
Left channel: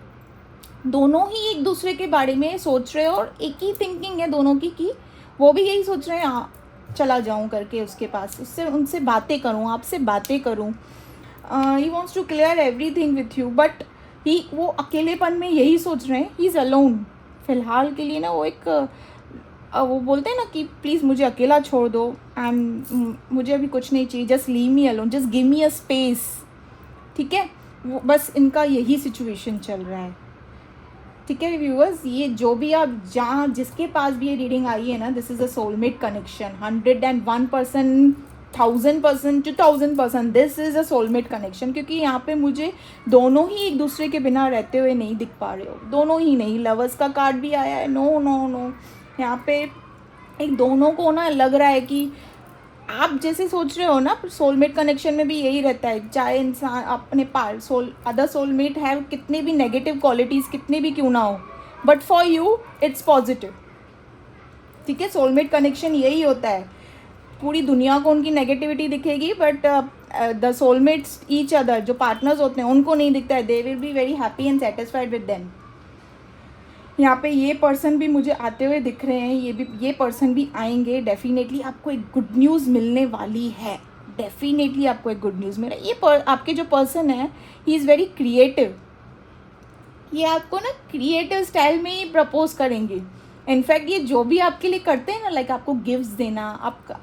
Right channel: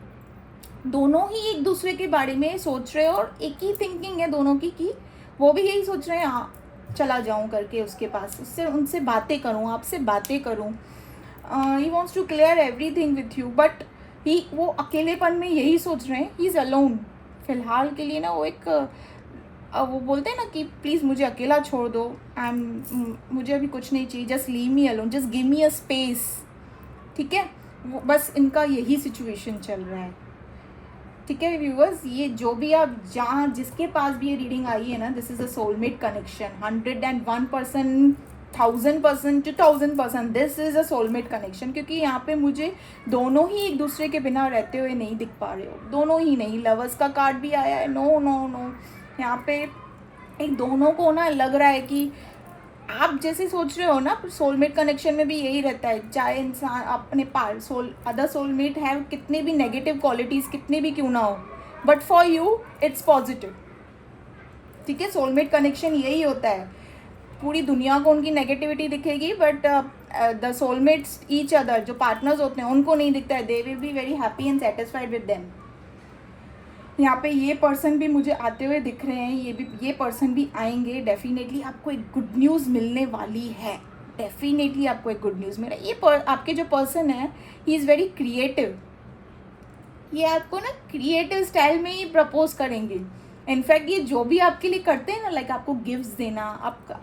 दोनों ही एक दूसरे के बारे में सोच रहे हैं, और एक ही थिंकिंग है दोनों की कि वो भी यही सोच रहे हैं, हाँ चला जाऊं करके उसके पास, उससे उनसे बातें करूं, आपसे बातें करूं। He wants to clear everything with you, but वो अकेलेपन में यही सोच रहे हैं, ही इज़ अलोन फिलहाल के लिए ना। वो एक वो बोलते हैं ना कि प्लीज़ मुझे अकेला छोड़ दो, मुझे अभी कुछ नहीं चाहिए, just leave me alone, just give me a space, ठीक है। वो बस इनका यही सिचुएशन चल रहा है, ठीक है व्यूअर्स। ये जो भी आप जहाँ जिसके पास भी ये रीडिंग आई है ना, this is a soulmate connection, 101%, 1000%, 2000%, this is a soulmate connection. क्योंकि यहाँ पे मुझे दोनों ही एक दूसरे के बिना रहते हुए नहीं दिख पा रहे हो, दोनों ही नहीं। लवर्स का कार्ड भी आया है, नो नो नो, यहाँ पे एक दोनों को ना लग रहा है कि आप जैसे सोच रहे हो ना, सोलमेट कनेक्शन में भी यही रहता है, चाहे इंसान अपने पास अदर सोलमेट है, कितने भी नेगेटिव क्वालिटीज़ कितने भी क्यों ना हो, but for you it's positive, ठीक है। सोलमेट कनेक्शन यही होता है, पूरी दुनिया को उनकी नेगेटिविटी दिखेगी, but the soulmates each other, जो पार्टनर्स होते हैं उनको नहीं दिखता है, they will be very happy and satisfied with them. यहाँ पे ये पर्सन भी मुझे आते हुए दिख रहे हैं, ये पर्सन भी आएंगे, डेफिनेटली आपको एक गुड न्यूज़ मिलने वाली है, डेफिनेटली आपको एक गुड न्यूज़ मिल रहा है। ये आपके जो पर्सन है, ही इज़ वेरी क्रिएटिव, ये आपको ना क्रिएटिव स्टाइल में ही प्रपोज करेंगे। इनफैक्ट ये जो भी आपके लिए करते हैं ना, लाइक आपको गिफ्ट्स देना,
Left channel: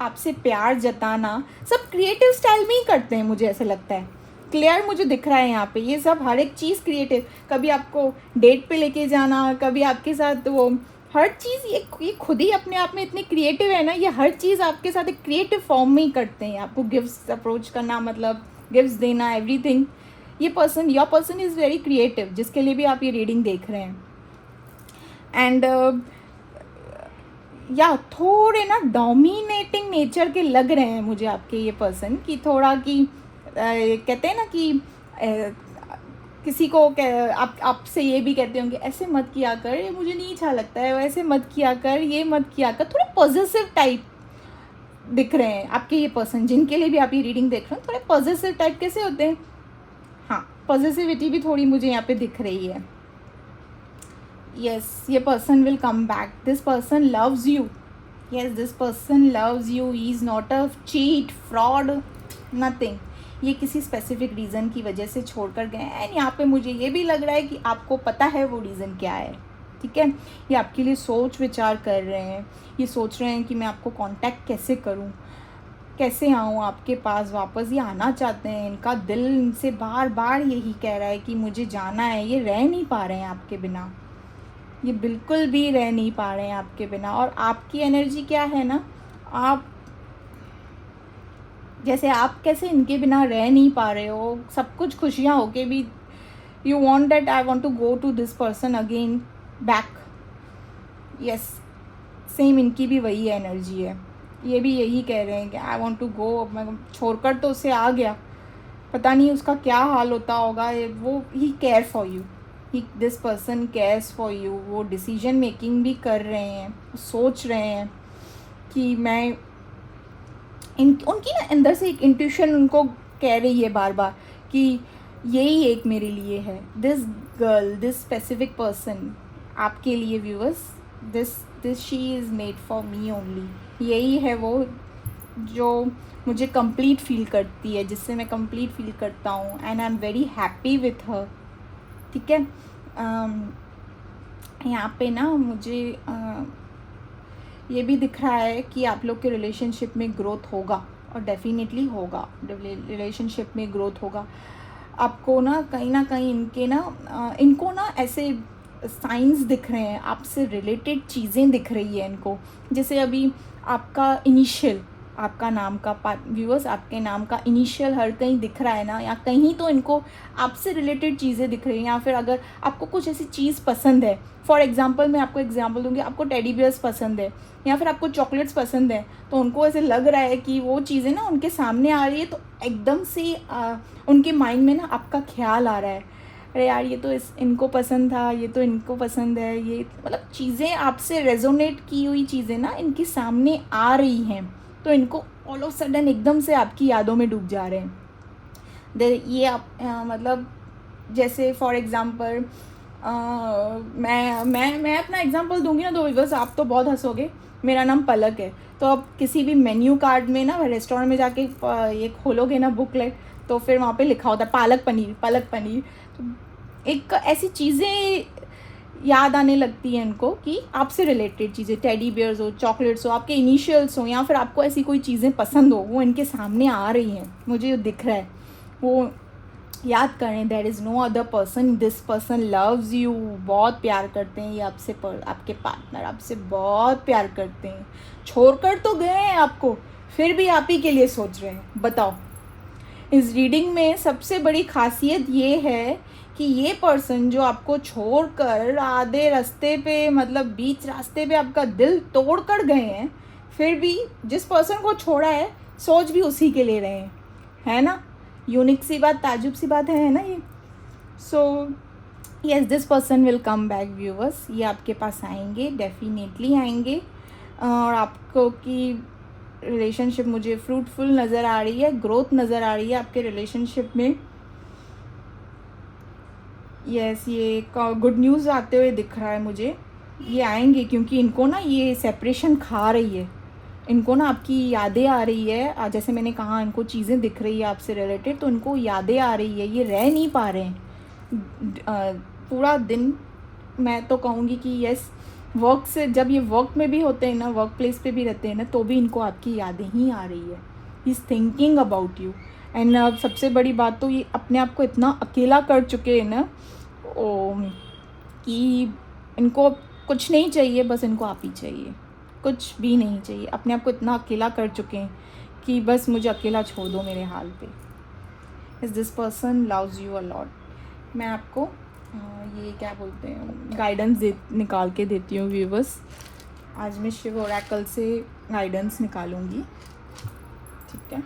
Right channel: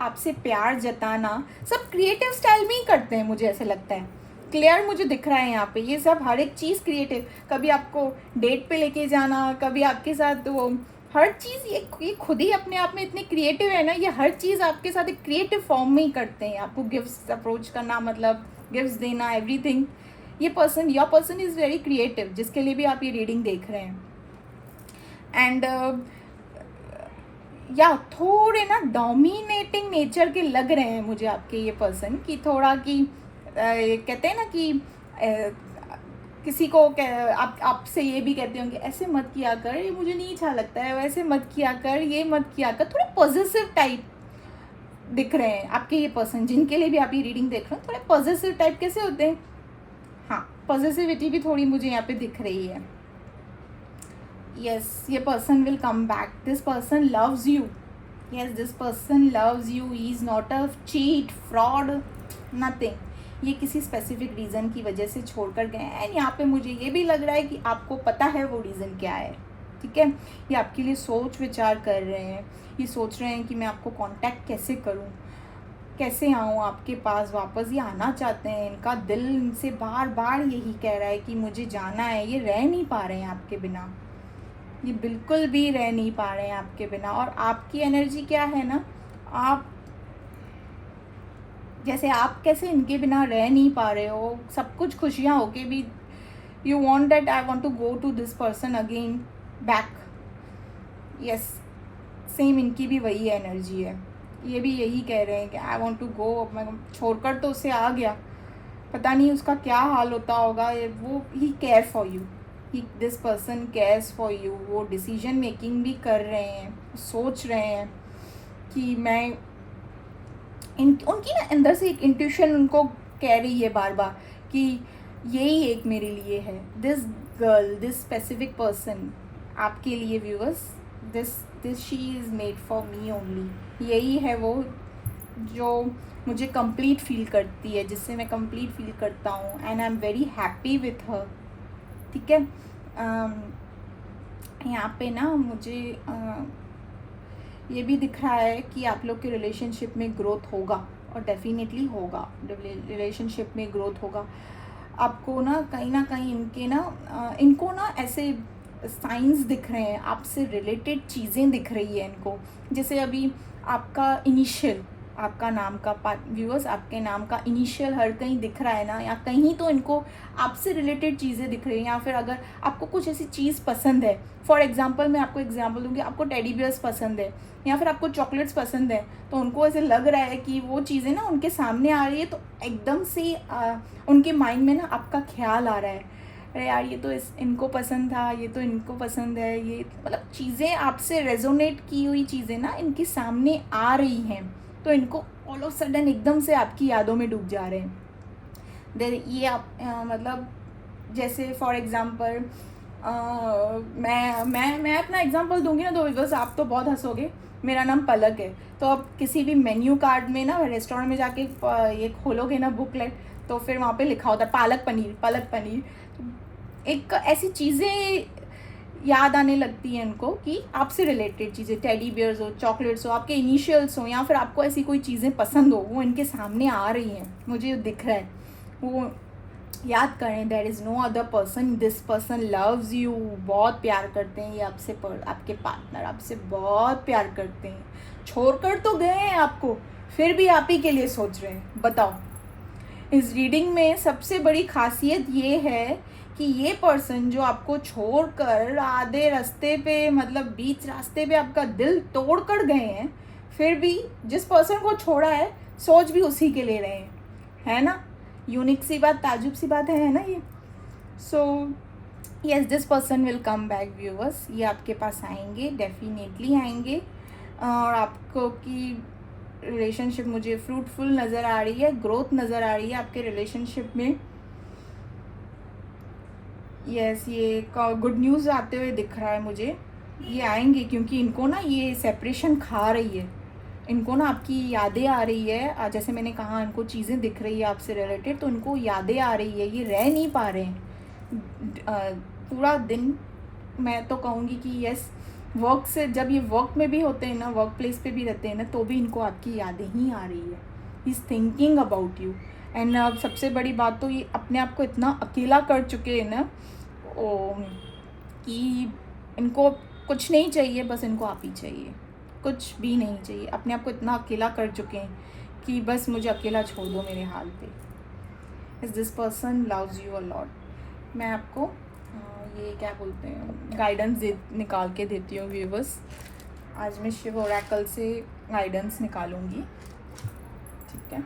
आपसे प्यार जताना, सब क्रिएटिव स्टाइल में ही करते हैं, मुझे ऐसे लगता है। क्लियर मुझे दिख रहा है यहाँ पे, ये सब हर एक चीज़ क्रिएटिव, कभी आपको डेट पे लेके जाना, कभी आपके साथ वो, हर चीज़ ये खुद ही अपने आप में इतने क्रिएटिव है ना, ये हर चीज़ आपके साथ एक क्रिएटिव फॉर्म में ही करते हैं। आपको गिफ्ट्स अप्रोच करना, मतलब गिफ्ट्स देना, एवरीथिंग। ये person, your person is very creative, जिसके लिए भी आप ये रीडिंग देख रहे हैं। एंड या थोड़े ना डोमिनेटिंग नेचर के लग रहे हैं मुझे आपके ये पर्सन, कि थोड़ा कि कहते हैं ना कि किसी को आपसे ये भी कहते होंगे, ऐसे मत किया कर, ये मुझे नहीं अच्छा लगता है, वैसे मत किया कर, ये मत किया कर, थोड़े पॉजिटिव टाइप दिख रहे हैं आपके ये पर्सन, जिनके लिए भी आप ये रीडिंग देख रहे हो। थोड़े पॉजिटिव टाइप कैसे होते हैं, हाँ, पॉजिटिविटी भी थोड़ी मुझे यहाँ पे दिख रही है। यस, ये person will come back, this person loves you, yes this person loves you, he is not a cheat, fraud, nothing. ये किसी स्पेसिफिक रीज़न की वजह से छोड़कर गए हैं, एंड यहाँ पे मुझे ये भी लग रहा है कि आपको पता है वो रीज़न क्या है, ठीक है। ये आपके लिए सोच विचार कर रहे हैं, ये सोच रहे हैं कि मैं आपको कांटेक्ट कैसे करूँ, कैसे आऊँ आपके पास वापस। ये आना चाहते हैं, इनका दिल इनसे बार बार यही कह रहा है कि मुझे जाना है। ये रह नहीं पा रहे हैं आपके बिना, ये बिल्कुल भी रह नहीं पा रहे हैं आपके बिना। और आपकी एनर्जी क्या है ना, आप जैसे आप कैसे इनके बिना रह नहीं पा रहे हो, सब कुछ खुशियाँ होके भी you want that I want to go to this person again back. Yes, same इनकी भी वही एनर्जी है, ये भी यही कह रहे हैं कि आई वॉन्ट टू गो, मैं छोड़कर तो उसे आ गया, पता नहीं उसका क्या हाल होता होगा। वो ही care for you, this person cares for you. वो डिसीजन मेकिंग भी कर रहे हैं, सोच रहे हैं कि मैं उनकी ना अंदर से एक इंट्यूशन उनको कह रही है बार बार कि यही एक मेरे लिए है, this girl, this specific person आपके लिए viewers, this she is made for me only. यही है वो जो मुझे कंप्लीट फील करती है, जिससे मैं कंप्लीट फील करता हूँ, and I am very happy with her, ठीक है। यहाँ पे ना मुझे ये भी दिख रहा है कि आप लोग के रिलेशनशिप में ग्रोथ होगा, और डेफिनेटली होगा, रिलेशनशिप में ग्रोथ होगा। आपको ना कहीं इनको ना ऐसे साइंस दिख रहे हैं, आपसे रिलेटेड चीज़ें दिख रही है इनको। जैसे अभी आपका इनिशियल आपका नाम का व्यूअर्स, आपके नाम का इनिशियल हर कहीं दिख रहा है ना, या कहीं तो इनको आपसे रिलेटेड चीज़ें दिख रही हैं, या फिर अगर आपको कुछ ऐसी चीज़ पसंद है, फॉर एग्जांपल मैं आपको एग्जांपल दूंगी, आपको टेडी बियर्स पसंद है या फिर आपको चॉकलेट्स पसंद है, तो उनको ऐसे लग रहा है कि वो चीज़ें ना उनके सामने आ रही है, तो एकदम से उनके माइंड में ना आपका ख्याल आ रहा है, अरे यार ये तो इनको पसंद था, ये तो इनको पसंद है, ये मतलब चीज़ें आपसे रेजोनेट की हुई चीज़ें ना इनके सामने आ रही हैं, तो इनको ऑल ऑफ सडन एकदम से आपकी यादों में डूब जा रहे हैं। ये आप मतलब जैसे फॉर एग्जांपल मैं अपना एग्जांपल दूंगी ना, तो बस आप तो बहुत हंसोगे। मेरा नाम पलक है, तो अब किसी भी मेन्यू कार्ड में ना, रेस्टोरेंट में जाके ये खोलोगे ना बुकलेट, तो फिर वहाँ पे लिखा होता है पालक पनीर, पालक पनीर। तो एक ऐसी चीज़ें याद आने लगती हैं इनको कि आपसे रिलेटेड चीज़ें, टेडी बियर्स हो, चॉकलेट्स हो, आपके इनिशियल्स हो, या फिर आपको ऐसी कोई चीज़ें पसंद हो, वो इनके सामने आ रही हैं, मुझे दिख रहा है। वो याद करें, there is no other person, this person loves you, बहुत प्यार करते हैं ये आपसे, आपके पार्टनर आपसे बहुत प्यार करते हैं, छोड़कर तो गए हैं आपको, फिर भी आप ही के लिए सोच रहे हैं। बताओ, इस रीडिंग में सबसे बड़ी खासियत ये है कि ये पर्सन जो आपको छोड़कर आधे रास्ते पे, मतलब बीच रास्ते पे आपका दिल तोड़ कर गए हैं, फिर भी जिस पर्सन को छोड़ा है सोच भी उसी के ले रहे हैं, है ना? यूनिक सी बात, ताजुब सी बात है ना ये। So yes, this person will come back viewers, ये आपके पास आएंगे, डेफिनेटली आएंगे, और आपको की रिलेशनशिप मुझे फ्रूटफुल नज़र आ रही है, ग्रोथ नज़र आ रही है आपके रिलेशनशिप में। यस, ये गुड न्यूज़ आते हुए दिख रहा है मुझे। ये आएंगे क्योंकि इनको ना ये सेपरेशन खा रही है, इनको ना आपकी यादें आ रही है, जैसे मैंने कहा इनको चीज़ें दिख रही है आपसे रिलेटेड, तो इनको यादें आ रही है, ये रह नहीं पा रहे हैं पूरा दिन। मैं तो कहूँगी कि यस, वर्क से, जब ये वर्क में भी होते हैं ना, वर्क प्लेस पे भी रहते हैं ना, तो भी इनको आपकी यादें ही आ रही है। He is thinking about you. And अब सबसे बड़ी बात तो ये अपने आप को इतना अकेला कर चुके हैं ना कि इनको कुछ नहीं चाहिए, बस इनको आप ही चाहिए, कुछ भी नहीं चाहिए। अपने आप को इतना अकेला कर चुके हैं कि बस मुझे अकेला छोड़ दो मेरे हाल पे। Is this person loves you a lot. मैं आपको ये क्या बोलते हैं, गाइडेंस निकाल के देती हूँ व्यूवर्स। आज मैं शिव ओरेकल से गाइडेंस निकालूंगी, ठीक है?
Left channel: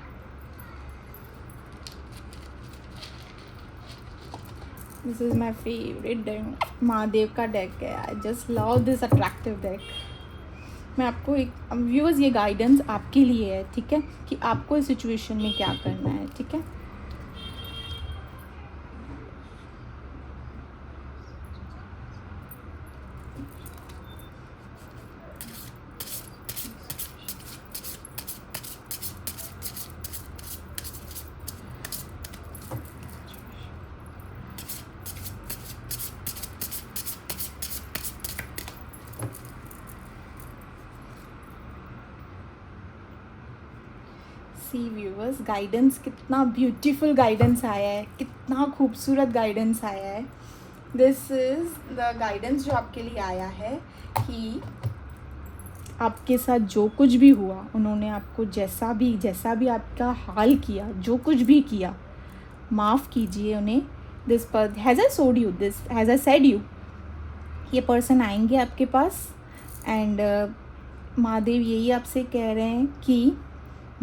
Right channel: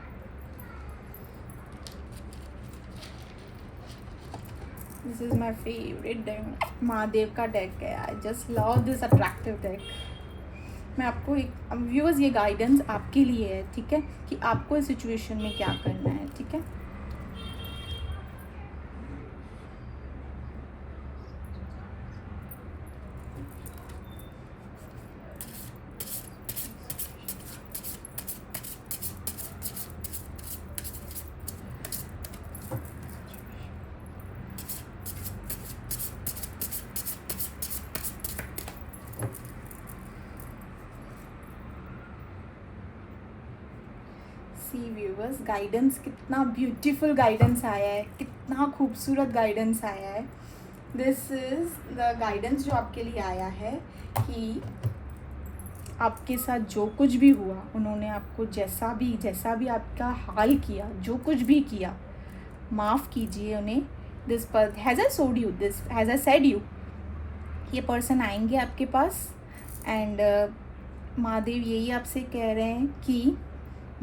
This is my favourite deck, Mahadev का डेक है। I just love this attractive deck. मैं आपको एक व्यूअर्स, ये गाइडेंस आपके लिए है, ठीक है, कि आपको इस सिचुएशन में क्या करना है, ठीक है? सी व्यूअर्स, गाइडेंस कितना ब्यूटीफुल गाइडेंस आया है, कितना खूबसूरत गाइडेंस आया है। दिस इज़ द गाइडेंस जो आपके लिए आया है कि आपके साथ जो कुछ भी हुआ, उन्होंने आपको जैसा भी आपका हाल किया, जो कुछ भी किया, माफ़ कीजिए उन्हें। दिस पर हैज़ आई सोड you, this has I said you, ये पर्सन आएंगे आपके पास, एंड महादेव यही आपसे कह रहे हैं कि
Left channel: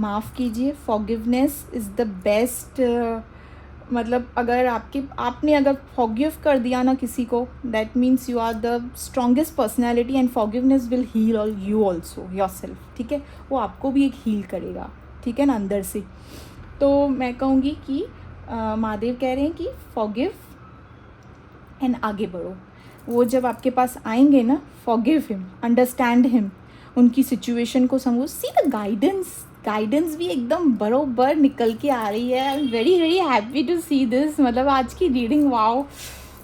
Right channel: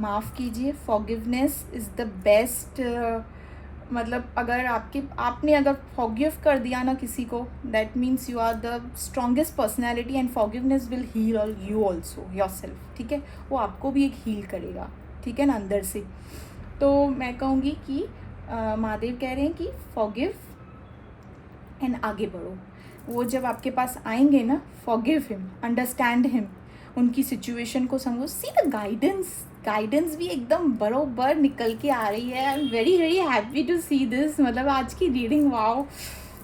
माफ़ कीजिए। फॉरगिवनेस इज़ द बेस्ट, मतलब अगर आपने अगर फॉरगिव कर दिया ना किसी को, that means you are the strongest personality, and forgiveness will heal all you also your self, ठीक है? वो आपको भी एक हील करेगा, ठीक है ना, अंदर से। तो मैं कहूँगी कि महादेव कह रहे हैं कि फॉरगिव एंड आगे बढ़ो। वो जब आपके पास आएंगे ना, फॉरगिव हिम, अंडरस्टैंड हिम, उनकी सिचुएशन को समझो। सी द गाइडेंस भी एकदम बरोबर निकल के आ रही है। I am very very happy to see this. मतलब आज की reading, wow,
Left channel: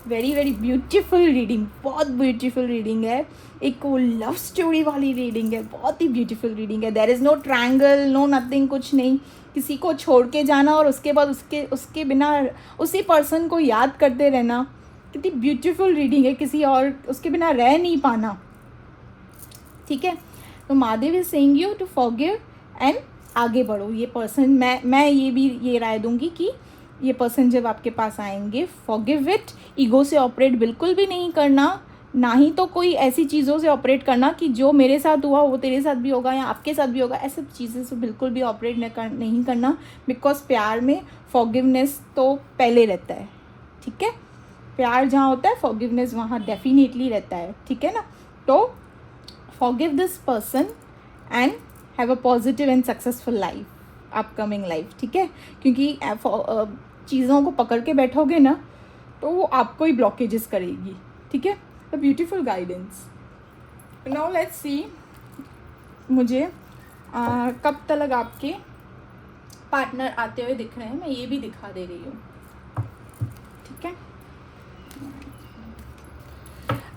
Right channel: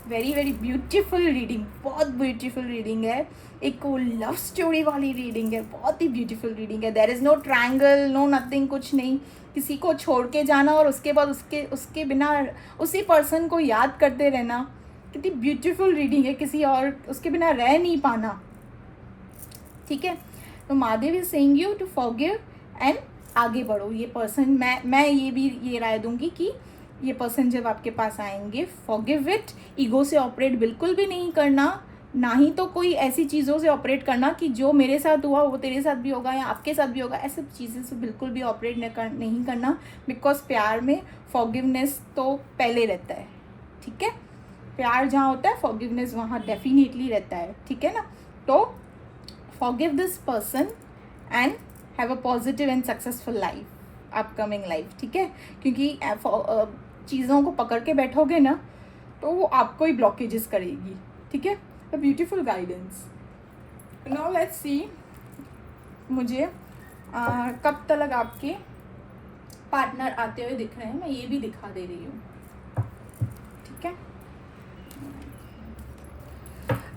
very very beautiful reading, बहुत ब्यूटीफुल रीडिंग है। एक वो लव स्टोरी वाली रीडिंग है, बहुत ही ब्यूटीफुल रीडिंग है। There is no triangle, no nothing, कुछ नहीं। किसी को छोड़ के जाना और उसके बाद उसके बिना उसी पर्सन को याद करते रहना, कितनी ब्यूटीफुल रीडिंग है। किसी और उसके बिना रह नहीं पाना, ठीक है? तो Mahadev is saying you to forgive and आगे बढ़ो। ये पर्सन, मैं ये राय दूंगी कि ये पर्सन जब आपके पास आएंगे, फॉरगिव इट। ईगो से ऑपरेट बिल्कुल भी नहीं करना, ना ही तो कोई ऐसी चीज़ों से ऑपरेट करना कि जो मेरे साथ हुआ वो तेरे साथ भी होगा या आपके साथ भी होगा। ऐसी चीज़ें से बिल्कुल भी ऑपरेट नहीं करना, बिकॉज प्यार में फॉरगिवनेस तो पहले रहता है, ठीक है। प्यार जहाँ होता है फॉरगिवनेस वहाँ डेफिनेटली रहता है, ठीक है ना। तो forgive this person and have a positive and successful life, upcoming life, ठीक है। क्योंकि चीज़ों को पकड़ के बैठोगे ना तो वो आपको ही ब्लॉकेजेस करेगी, ठीक है। A beautiful guidance. Now let's see मुझे कब तक आपके पार्टनर आते हुए दिख रहे हैं, मैं ये भी दिखा दे रही हूँ, ठीक है।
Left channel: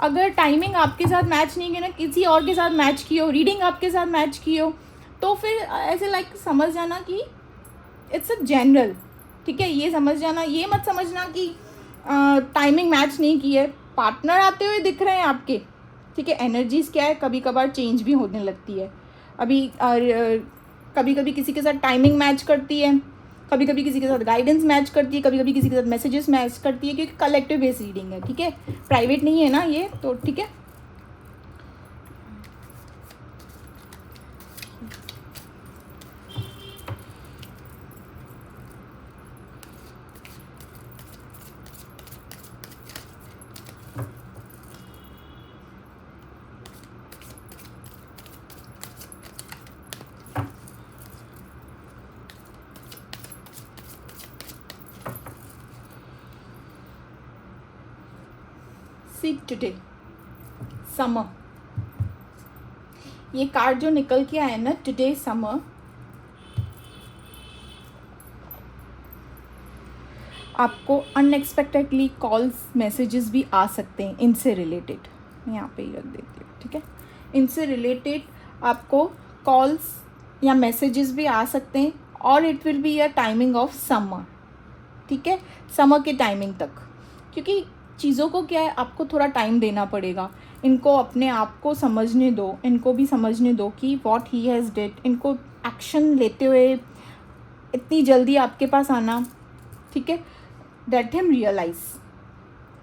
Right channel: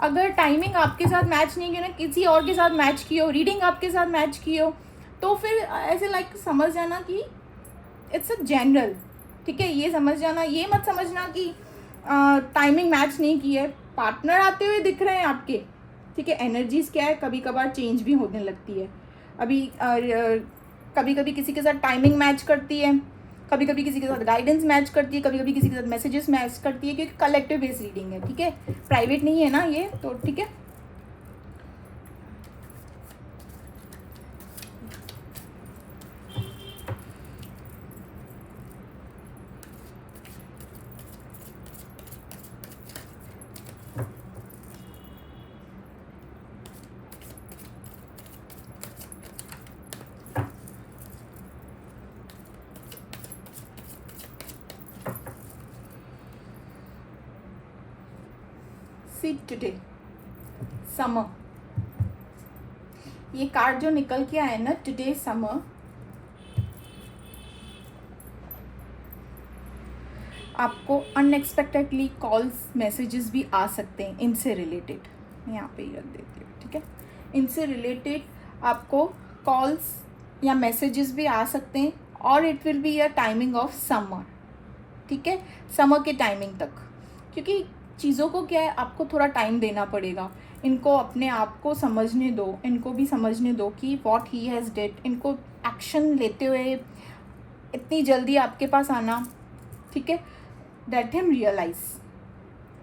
अगर टाइमिंग आपके साथ मैच नहीं की ना, किसी और के साथ मैच की हो, रीडिंग आपके साथ मैच की हो, तो फिर ऐसे लाइक समझ जाना कि इट्स अ जनरल, ठीक है। ये समझ जाना, ये मत समझना कि टाइमिंग मैच नहीं की है। पार्टनर आते हुए दिख रहे हैं आपके, ठीक है। एनर्जीज क्या है, कभी कभार चेंज भी होने लगती है। अभी कभी कभी किसी के साथ टाइमिंग मैच करती है, कभी कभी किसी के साथ गाइडेंस मैच करती है, कभी कभी किसी के साथ मैसेजेस मैच करती है, क्योंकि कलेक्टिव बेस्ड रीडिंग है, ठीक है। प्राइवेट नहीं है ना ये, तो ठीक है। टुडे समर, ये कार्ड जो निकल के आया ना, टुडे समर, आपको अनएक्सपेक्टेडली कॉल्स मैसेजेस भी आ सकते हैं इनसे रिलेटेड। मैं यहाँ पे ही रख देती हूँ, ठीक है। इनसे रिलेटेड आपको कॉल्स या मैसेजेस भी आ सकते हैं, और it will be a timing of summer, ठीक है। समर के टाइमिंग तक, क्योंकि चीज़ों को क्या है, आपको थोड़ा टाइम देना पड़ेगा। इनको अपने आप को समझने दो, इनको भी समझने दो कि व्हाट ही हैज़ डिड। इनको एक्शन लेते हुए इतनी जल्दी आपके पास आना, ठीक है, दैट हिम रियलाइज,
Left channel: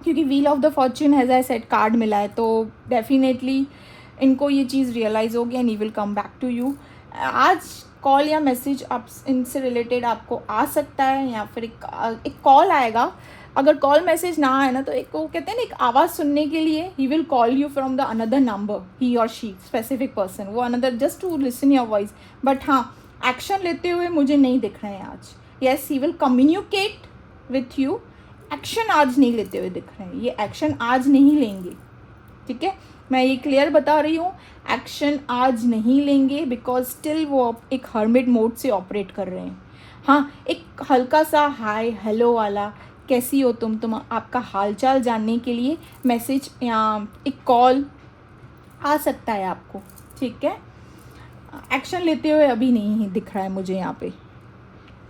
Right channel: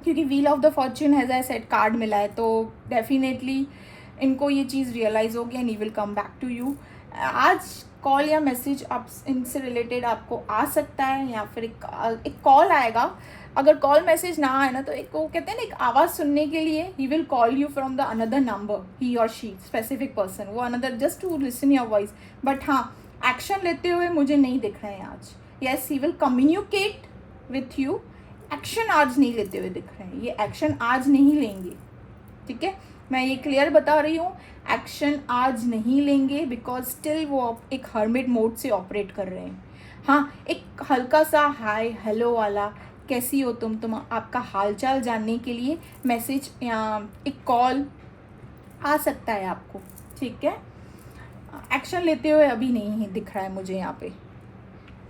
क्योंकि wheel of the fortune has I said card मिला है, तो डेफिनेटली इनको ये चीज़ रियलाइज़ होगी and he will come back to you. आज कॉल या मैसेज आप इनसे रिलेटेड आपको आ सकता है, या फिर एक कॉल आएगा। अगर कॉल मैसेज ना आए ना, तो एक वो कहते हैं ना, एक आवाज़ सुनने के लिए he will call you from the another number, he और शी, स्पेसिफिक पर्सन, वो another, just to listen your voice. But हाँ, एक्शन लेते हुए मुझे नहीं दिख रहे हैं आज। Yes, he will communicate with you, action आज नहीं लेते हुए दिख रहे हैं, ये एक्शन आज नहीं लेंगे, ठीक है। मैं ये क्लियर बता रही हूँ, एक्शन आज नहीं लेंगे, बिकॉज स्टिल वो एक हर्मिट मोड से ऑपरेट कर रहे हैं। हाँ, एक हल्का सा हाय हेलो वाला, कैसी हो तुम आपका हालचाल जानने के लिए मैसेज या एक कॉल आ सकता है आपको, ठीक है। एक्शन लेते हुए अभी नहीं दिख रहा है मुझे यहाँ पे,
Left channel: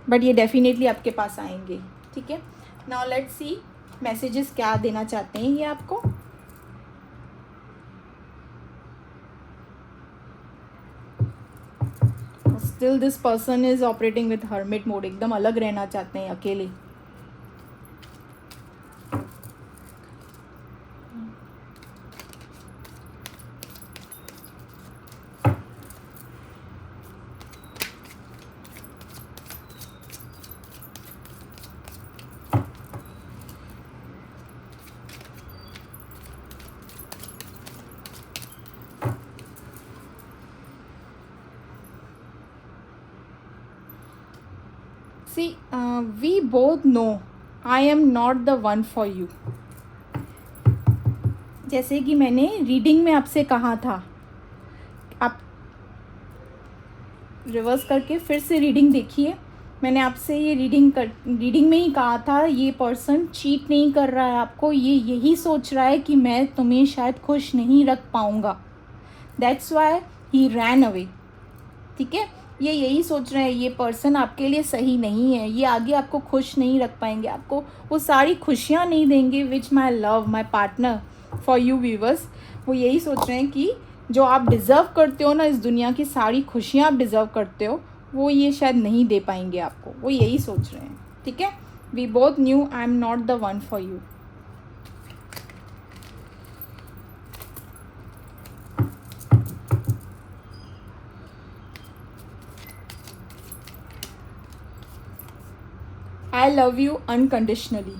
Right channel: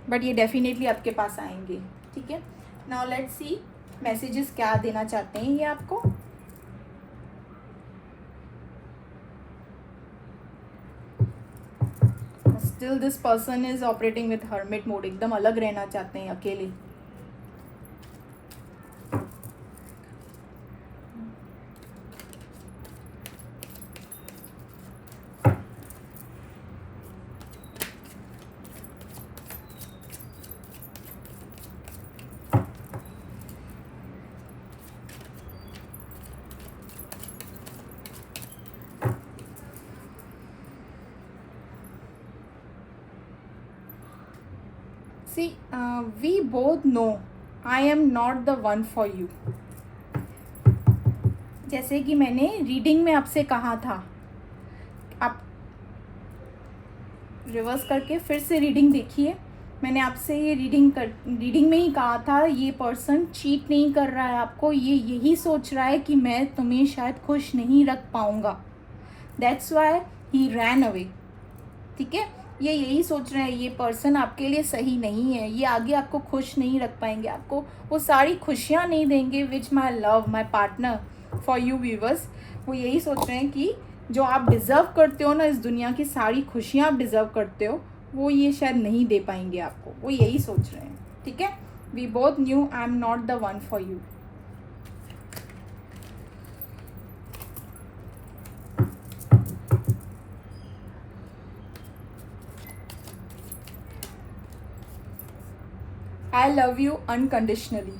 बट ये डेफिनेटली आपके पास आएंगे, ठीक है। नाउ लेट्स सी मैसेजेस क्या देना चाहते हैं ये आपको। Still this person is operating with hermit mode, एकदम अलग रहना चाहते हैं, अकेले। See, we both know I am not the one for you. जैसे कि मैंने रीडिंग में आपसे कहा था, आप रिवर्स करके फिर से रीडिंग देखिए। मैंने आपसे ये रीडिंग में ही कहा था, ये पर्सन चीट नहीं कर रहा है आपको, ये यही सोच रहा है कि मैं तुम्हें शायद खुश नहीं रख पाऊँगा, that's why he ran away, ठीक है। ये यही सोच रहे हैं, ये पर्सन आपके लिए सही नहीं है, ये आगे आपको खुश नहीं रख पाएंगे, आपको वो सारी खुशियाँ नहीं देंगे which my love my partner for you viewers. वो यही सोच रहे हैं कि जो आप डिज़र्व करते हो ना, इस दुनिया की सारी खुशियाँ आप डिज़र्व करते हो, वो ये शायद नहीं दे पाएंगे आपको, वो यही सोच रहे हैं, ठीक है। We both knew I am not the one for you. I love you unconditionally.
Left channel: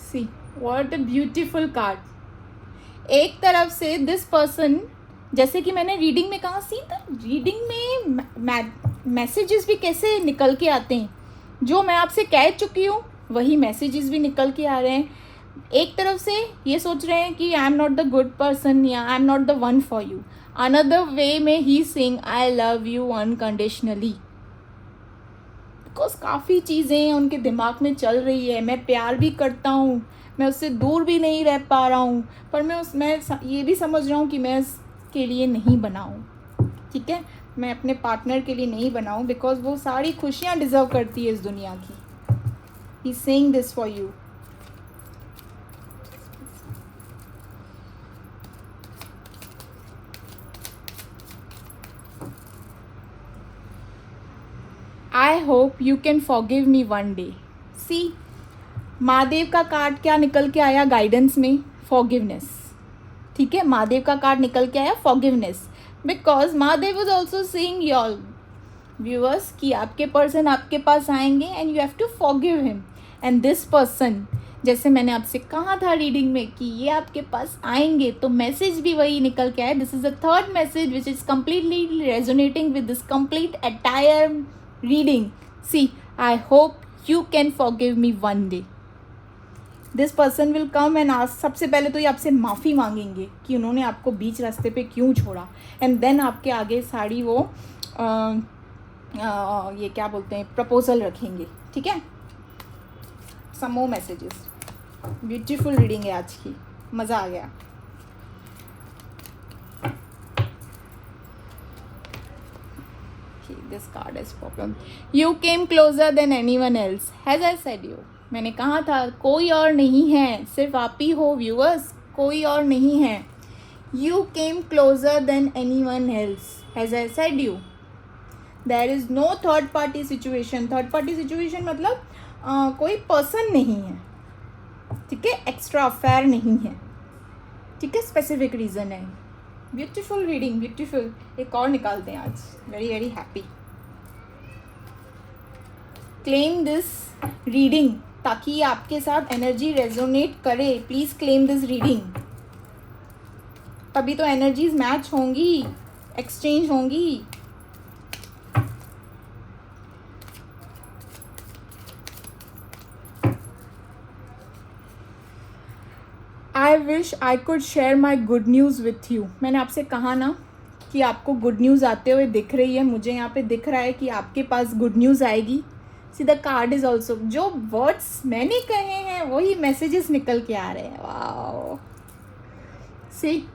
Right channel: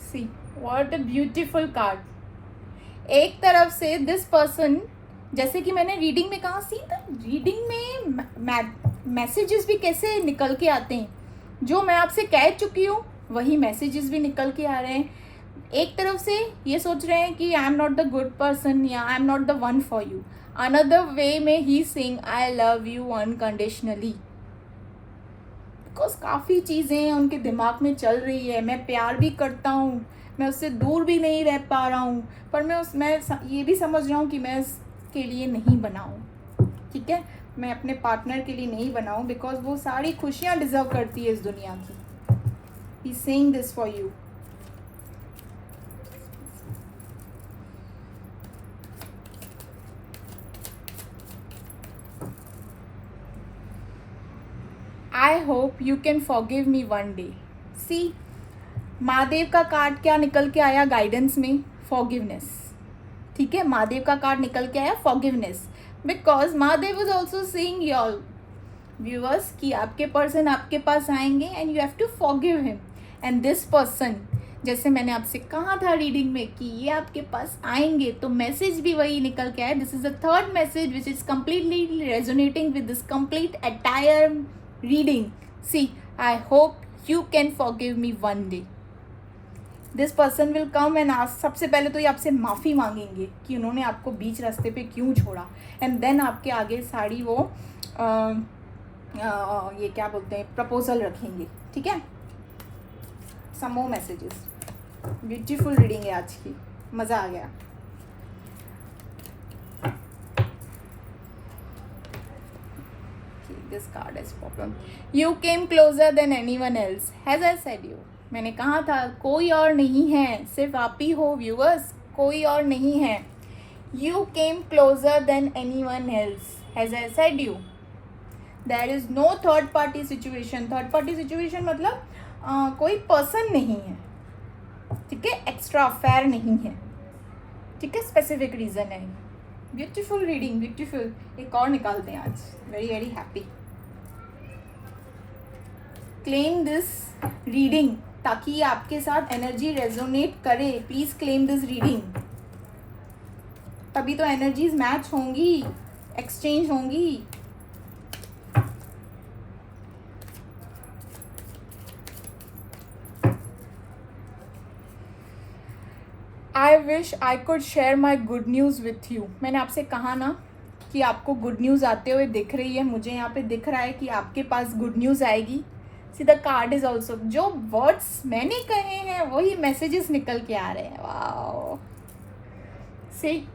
See, what a beautiful card. एक तरफ से दिस पर्सन, जैसे कि मैंने रीडिंग में कहा, सी तो रीडिंग में मैसेजेस भी कैसे निकल के आते हैं, जो मैं आपसे कह चुकी हूँ वही मैसेजेस भी निकल के आ रहे हैं। एक तरफ से ये सोच रहे हैं कि I am not the good person या I am not the one for you, another way में he saying I love you unconditionally. Because काफ़ी चीज़ें उनके दिमाग में चल रही है, मैं प्यार भी करता हूँ, मैं उससे दूर भी नहीं रह पा रहा हूँ, पर मैं ये भी समझ रहा हूँ कि मैं इसके लिए नहीं बना हूँ, ठीक है, मैं अपने पार्टनर के लिए नहीं बना हूँ, बिकॉज वो सारी खुशियाँ डिजर्व करती है इस दुनिया की। He is saying this for you. I hope you can forgive me one day. See, Mahadev का कार्ड क्या निकल के आया गाइडेंस में? फॉरगिवनेस, ठीक है, महादेव का कार्ड निकल के आया forgiveness, because Mahadev is also seeing your viewers कि आपके पर्सन आपके पास आएंगे and you have to forgive him. And this person, जैसे मैंने आपसे कहा था रीडिंग में कि ये आपके पास आएंगे, तो मैसेज भी वही निकल के आया। This is the third message which is completely resonating with this complete entire reading. See, I hope you can forgive me one day. This person will come and ask, सबसे पहले तो ये आपसे माफ़ी मांगेंगे कि उन्होंने आपको बीच रास्ते पे क्यों छोड़ा, एंड देन आपके आगे सारी वो ये क्या बोलते हैं, प्रपोजल रखेंगे, ठीक है। सम मोर मैसेजेस। ब्यूटीफुल रीडिंग है आज की, मज़ा आ गया। This card is problem. You came closer than anyone else. As I said you, मैंने कहा था कोई और नहीं है, सिर्फ आप ही हो व्यूअर्स, कोई और नहीं है। You came closer than anyone else. As I said you, there is no third party situation. Third party situation मतलब कोई पर्सन नहीं है, ठीक है, एक्स्ट्रा अफेयर नहीं है, ठीक है, स्पेसिफिक रीजन है। Beautiful reading, beautiful. एक और निकालते हैं आज, very very happy. Claim this reading ताकि आपके साथ एनर्जी रेजोनेट करे। प्लीज क्लेम दिस रीडिंग, तभी तो एनर्जीज मैच होंगी, एक्सचेंज होंगी। आई wish I could share my good news with you. मैंने आपसे कहा ना कि आपको गुड न्यूज़ आते हुए दिख रही है, मुझे यहाँ पे दिख रहा है कि आपके पास गुड न्यूज़ आएगी। See the card is also, जो वर्ड्स मैंने कहे हैं वही मैसेजेस निकल के आ रहे हैं। Wow, see,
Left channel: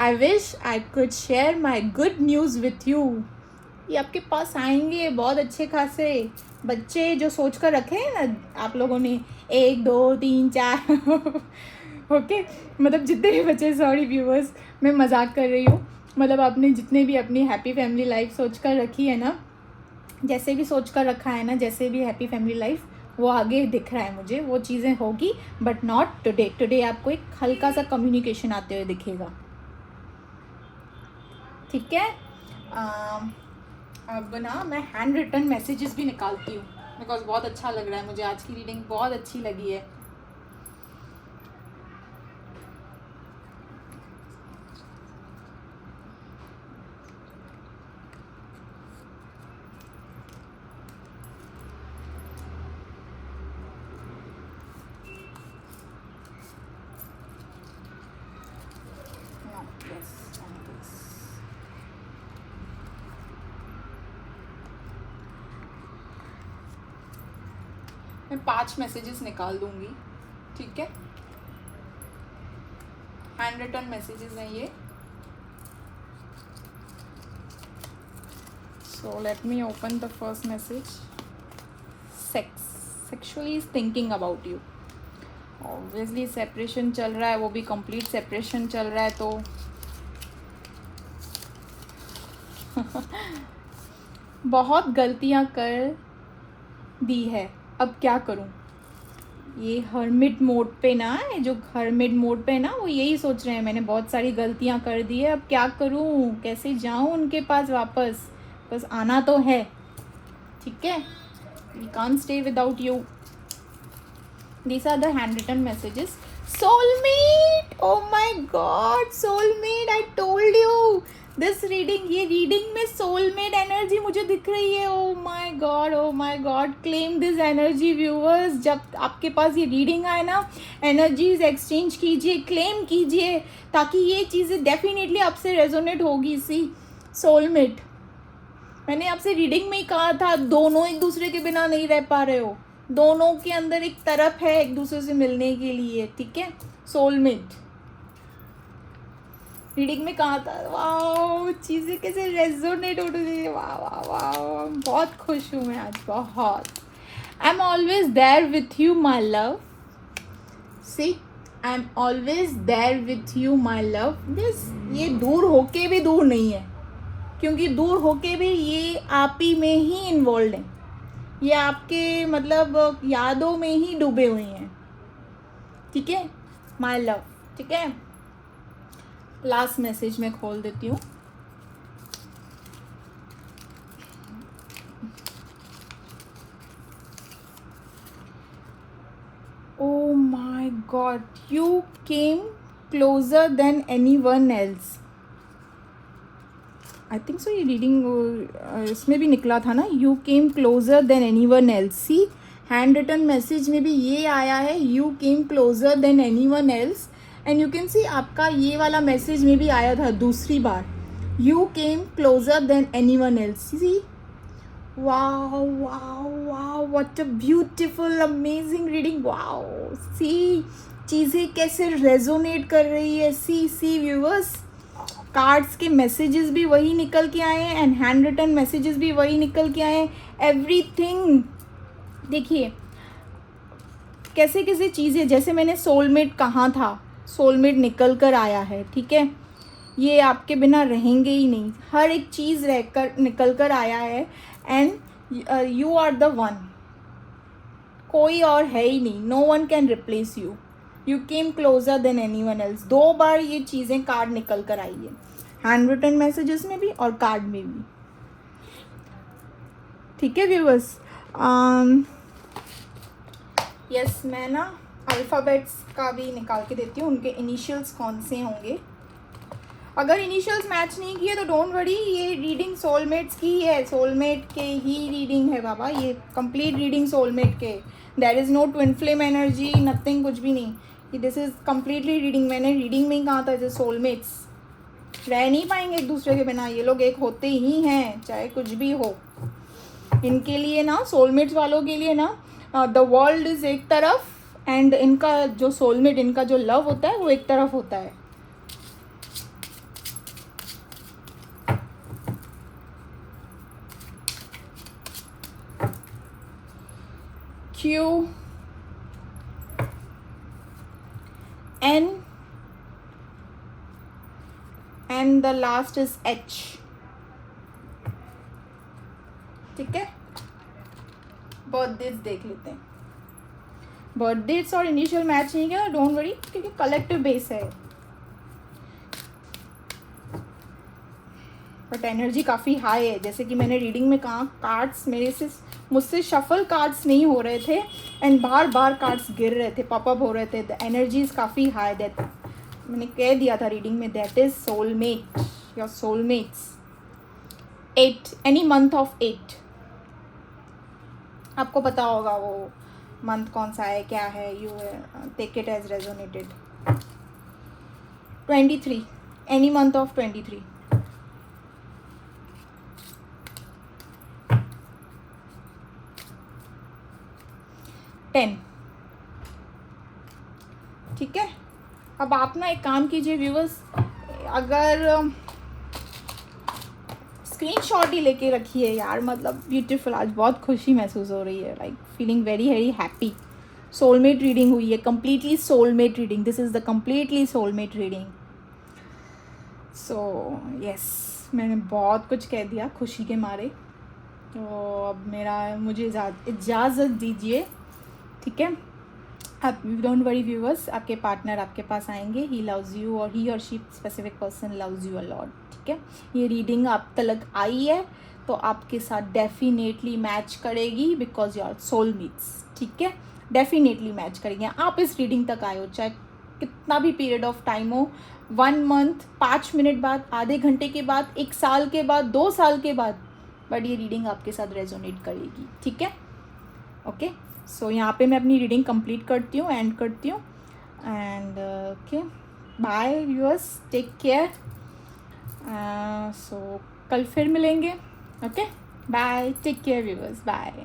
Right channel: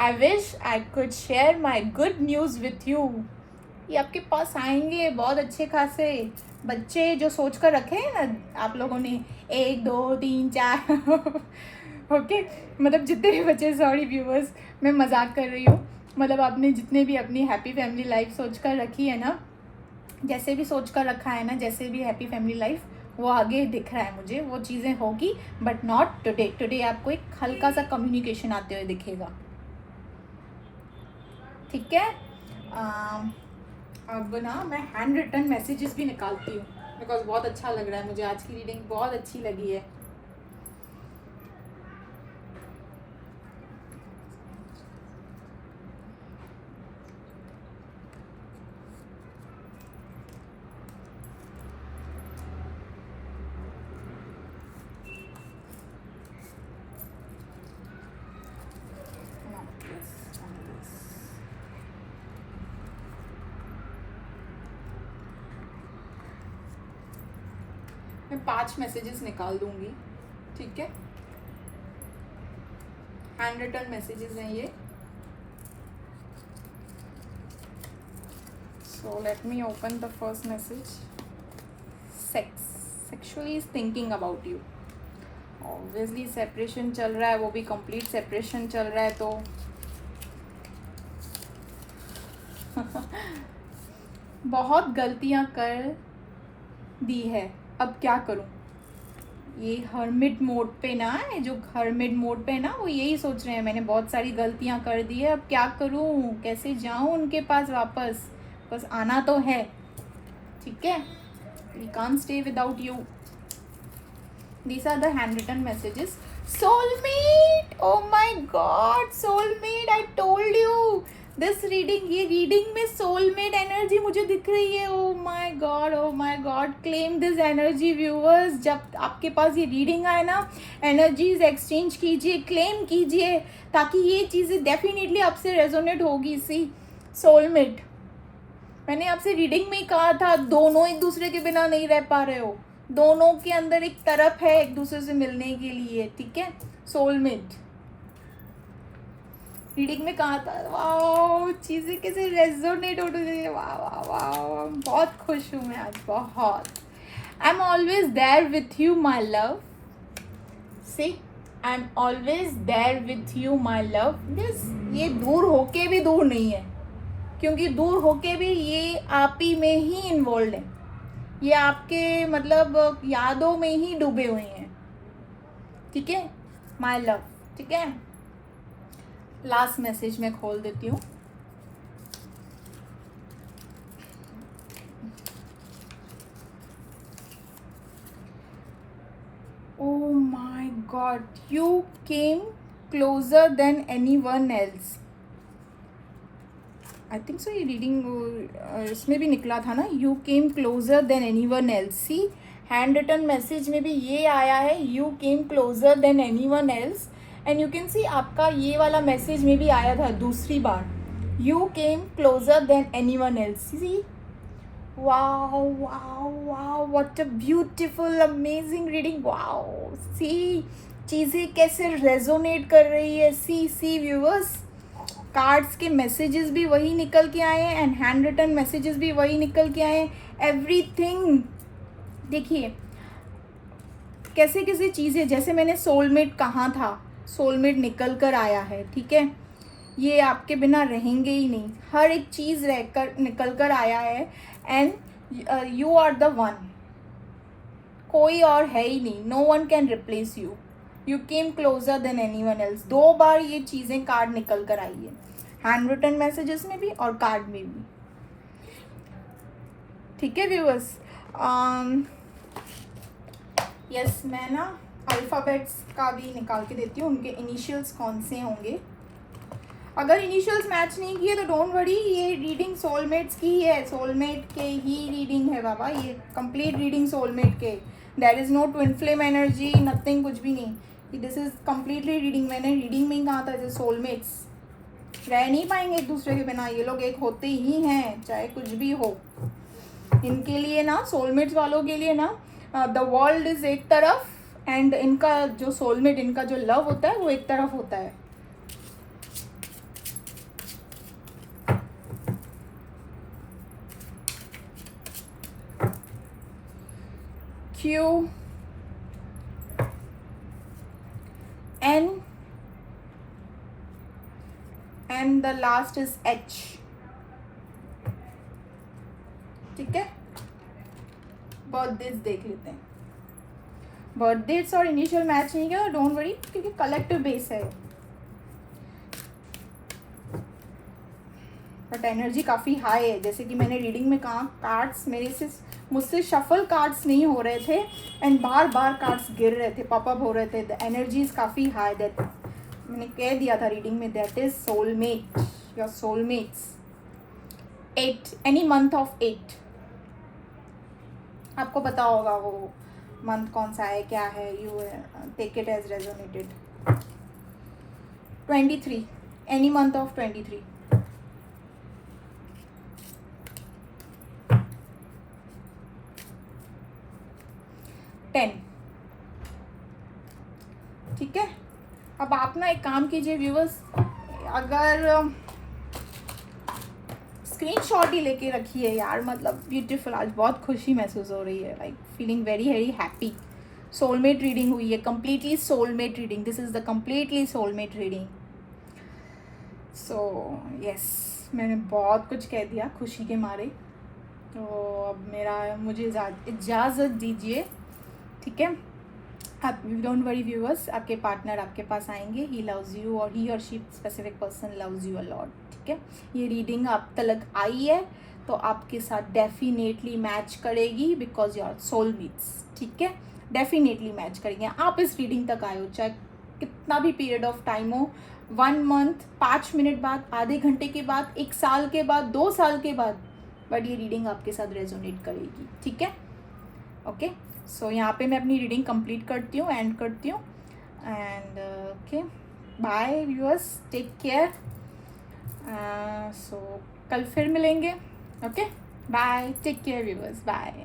I wish I could share my good news with you. ये आपके पास आएंगे बहुत अच्छे खासे बच्चे, जो सोच कर रखे हैं ना आप लोगों ने, 1 2 3 4 ओके, मतलब जितने भी बच्चे, सॉरी व्यूअर्स मैं मजाक कर रही हूँ, मतलब आपने जितने भी अपनी हैप्पी फैमिली लाइफ सोच कर रखी है ना, जैसे भी सोच कर रखा है ना, जैसे भी हैप्पी फैमिली लाइफ, वो आगे दिख रहा है मुझे, वो चीज़ें होगी, बट नॉट टुडे। टुडे आपको एक हल्का सा कम्युनिकेशन आते हुए दिखेगा, ठीक है। अब ना मैं हैंड रिटन मैसेजेस भी निकालती हूँ, बिकॉज बहुत अच्छा लग रहा है मुझे, आज की रीडिंग बहुत अच्छी लगी है। मैं 5 मैसेजेस निकाल दूंगी, ठीक है, हैंड रिटन मैसेजेस हैं ये। So let me open the first message. Sexually is thinking about you. Obviously separation चल रहा है, वो भी कंप्लीट सेपरेशन चल रहा है, तो बहुत गलतियाँ कर दी है, अब क्या करूँ। ये हर्मिट मोड पे ना, जो हर्मिट मोड पे ना, वो यही सोच रहे हैं मैंने बहुत सारी गलतियाँ कर दी है, अब क्या करूँ, कैसे जाऊँ उनके पास वापस। बस आना तो है, ठीक है। We can't stay without you. These are the handwritten messages. Soulmate, oh my god, soulmate, I told you this reading, ये reading में soulmate energy मुझे दिख रही है। oh my god, claim this energy viewers। जब आपके पास ये reading आए ना, energies exchange कीजिए, claim कीजिए, ताकि ये चीज़ें definitely आपसे resonate होगी। सी soulmate, मैंने आपसे रीडिंग में ही कहा था, दोनों एक दूसरे के बिना नहीं रह पा रहे हो, दोनों के अंदर एक तरफ है एक दूसरे से मिलने के लिए, ठीक है। सोलमेट रीडिंग में कहा था। वाह, चीजें कैसे रेजोनेट हो रही है, वाह वाह वाह, बहुत खुश हूँ मैं आज, बहुत। I am always there with you my love. See, I am always there with you my love. ये दूर होके भी दूर नहीं है, क्योंकि दूर होके भी ये आप ही में ही इन्वॉल्व है, ये आपके मतलब यादों में ही डूबे हुए हैं, ठीक है। माय लव, ठीक है। लास्ट मैसेज मैं खोल देती हूँ। Oh my God, you came closer than anyone else. I think so ये रीडिंग इसमें भी निकला था ना, you came closer than anyone else. See, handwritten message में भी ये आया है, you came closer than anyone else. And you can see आपका ये वाला मैसेज में भी आया था दूसरी बार, you came closer than anyone else. See, wow wow wow, what a beautiful amazing reading. Wow, सी चीज़ें कैसे रेजोनेट कर रही है। सी व्यूअर्स, कार्ड्स के मैसेजेस भी वही निकल के आए हैं एंड हैंड रिटन मैसेजेस भी वही निकल के आए हैं। एवरीथिंग देखिए कैसे कैसे चीज़ें, जैसे मैंने सोलमेट कहा था, सोलमेट निकल कर आया है, ठीक है। ये आपके बिना रहेंगे ही नहीं, हर एक चीज़ रहकर निकल कर आया है। And you are the one, कोई और है ही नहीं, no one can replace you. You came closer than anyone else. 2 बार ये चीज़ें कार्ड निकल कर आई है, हैंड रिटन मैसेजेस में भी और कार्ड में भी, ठीक है व्यूअर्स। यस, मैं ना अल्फ़ाबेट्स का भी निकाल के देती हूँ, उनके इनिशियल्स कौन से होंगे। अगर इनिशियल्स मैच नहीं किए तो डोंट वरी, ये रीडिंग सोलमेट्स की है, सोलमेट के ही रीडिंग है बाबा, ये कंप्लीट रीडिंग सोलमेट के। There is no twin flame energy, nothing, कुछ भी नहीं, दिस इज़ कम्प्लीटली रीडिंग। मैंने रीडिंग में ही कहा था जैसे सोलमेट्स रह नहीं पाएंगे एक दूसरे के बिना, ये लोग एक होते ही हैं चाहे कुछ भी हो। इनके लिए ना, सोलमेट्स वालों के लिए ना, द वर्ल्ड इज़ एक तरफ एंड इनका जो सोलमेट, इनका जो लव होता है वो एक तरफ होता है। Q, N, and the last is H, ठीक है। बर्थडेज देख लेते हैं। बर्थडेज और इनिशियल मैच नहीं किया, डोंट वरी, क्योंकि कलेक्टिव बेस है, बट एनर्जी काफ़ी हाई है। जैसे कि मैंने रीडिंग में कहा, कार्ड्स मुझसे शफल कार्ड्स नहीं हो रहे थे एंड बार बार कार्ड्स गिर रहे थे, पॉपअप हो रहे थे। द एनर्जीज काफ़ी हाई, दैट मैंने कह दिया था रीडिंग में, that is soulmate, your soulmates. 8, any month of 8, आपको पता होगा वो मंथ कौन सा है, क्या है, you take it as resonated. 23, any month of 23। 10, ठीक है। अब आप ना एक काम कीजिए व्यूअर्स, अगर स्क्रीनशॉट ही लेके रखिए यार, मतलब ब्यूटीफुल, आज बहुत खुशी महसूस हो रही है, like feeling very very happy. Soulmate reading हुई है, completely soulmate reading, this is the completely soulmate reading. So yes, मैंने बहुत कुछ कह दिया खुशी के मारे, तो अब मुझे इजाज़त दीजिए, ठीक है। आप डोंट वरी व्यूअर्स, आपके पार्टनर आपके पास आएंगे, ही लव्स यू, और ही और she specific person loves you a lot, ठीक है। ये रीडिंग आप तक आई है तो आपके साथ डेफिनेटली मैच करेगी, बिकॉज योर सोलमेट्स, ठीक है, डेफिनेटली मैच करेंगे। आप इस रीडिंग तक आए हो, चाहे कितना भी पीरियड ऑफ टाइम हो, 1 मंथ, 5 मिनट बाद, आधे घंटे के बाद, 1 साल के बाद, 2 साल के बाद, बट ये रीडिंग आपके साथ रेजोनेट करेगी, ठीक है। ओके, सो यहाँ पे मैं अपनी रीडिंग कंप्लीट करती हूँ, एंड करती हूँ, and okay, bye viewers, take care. So कल फिर मिलेंगे, okay, bye, take care viewers, bye.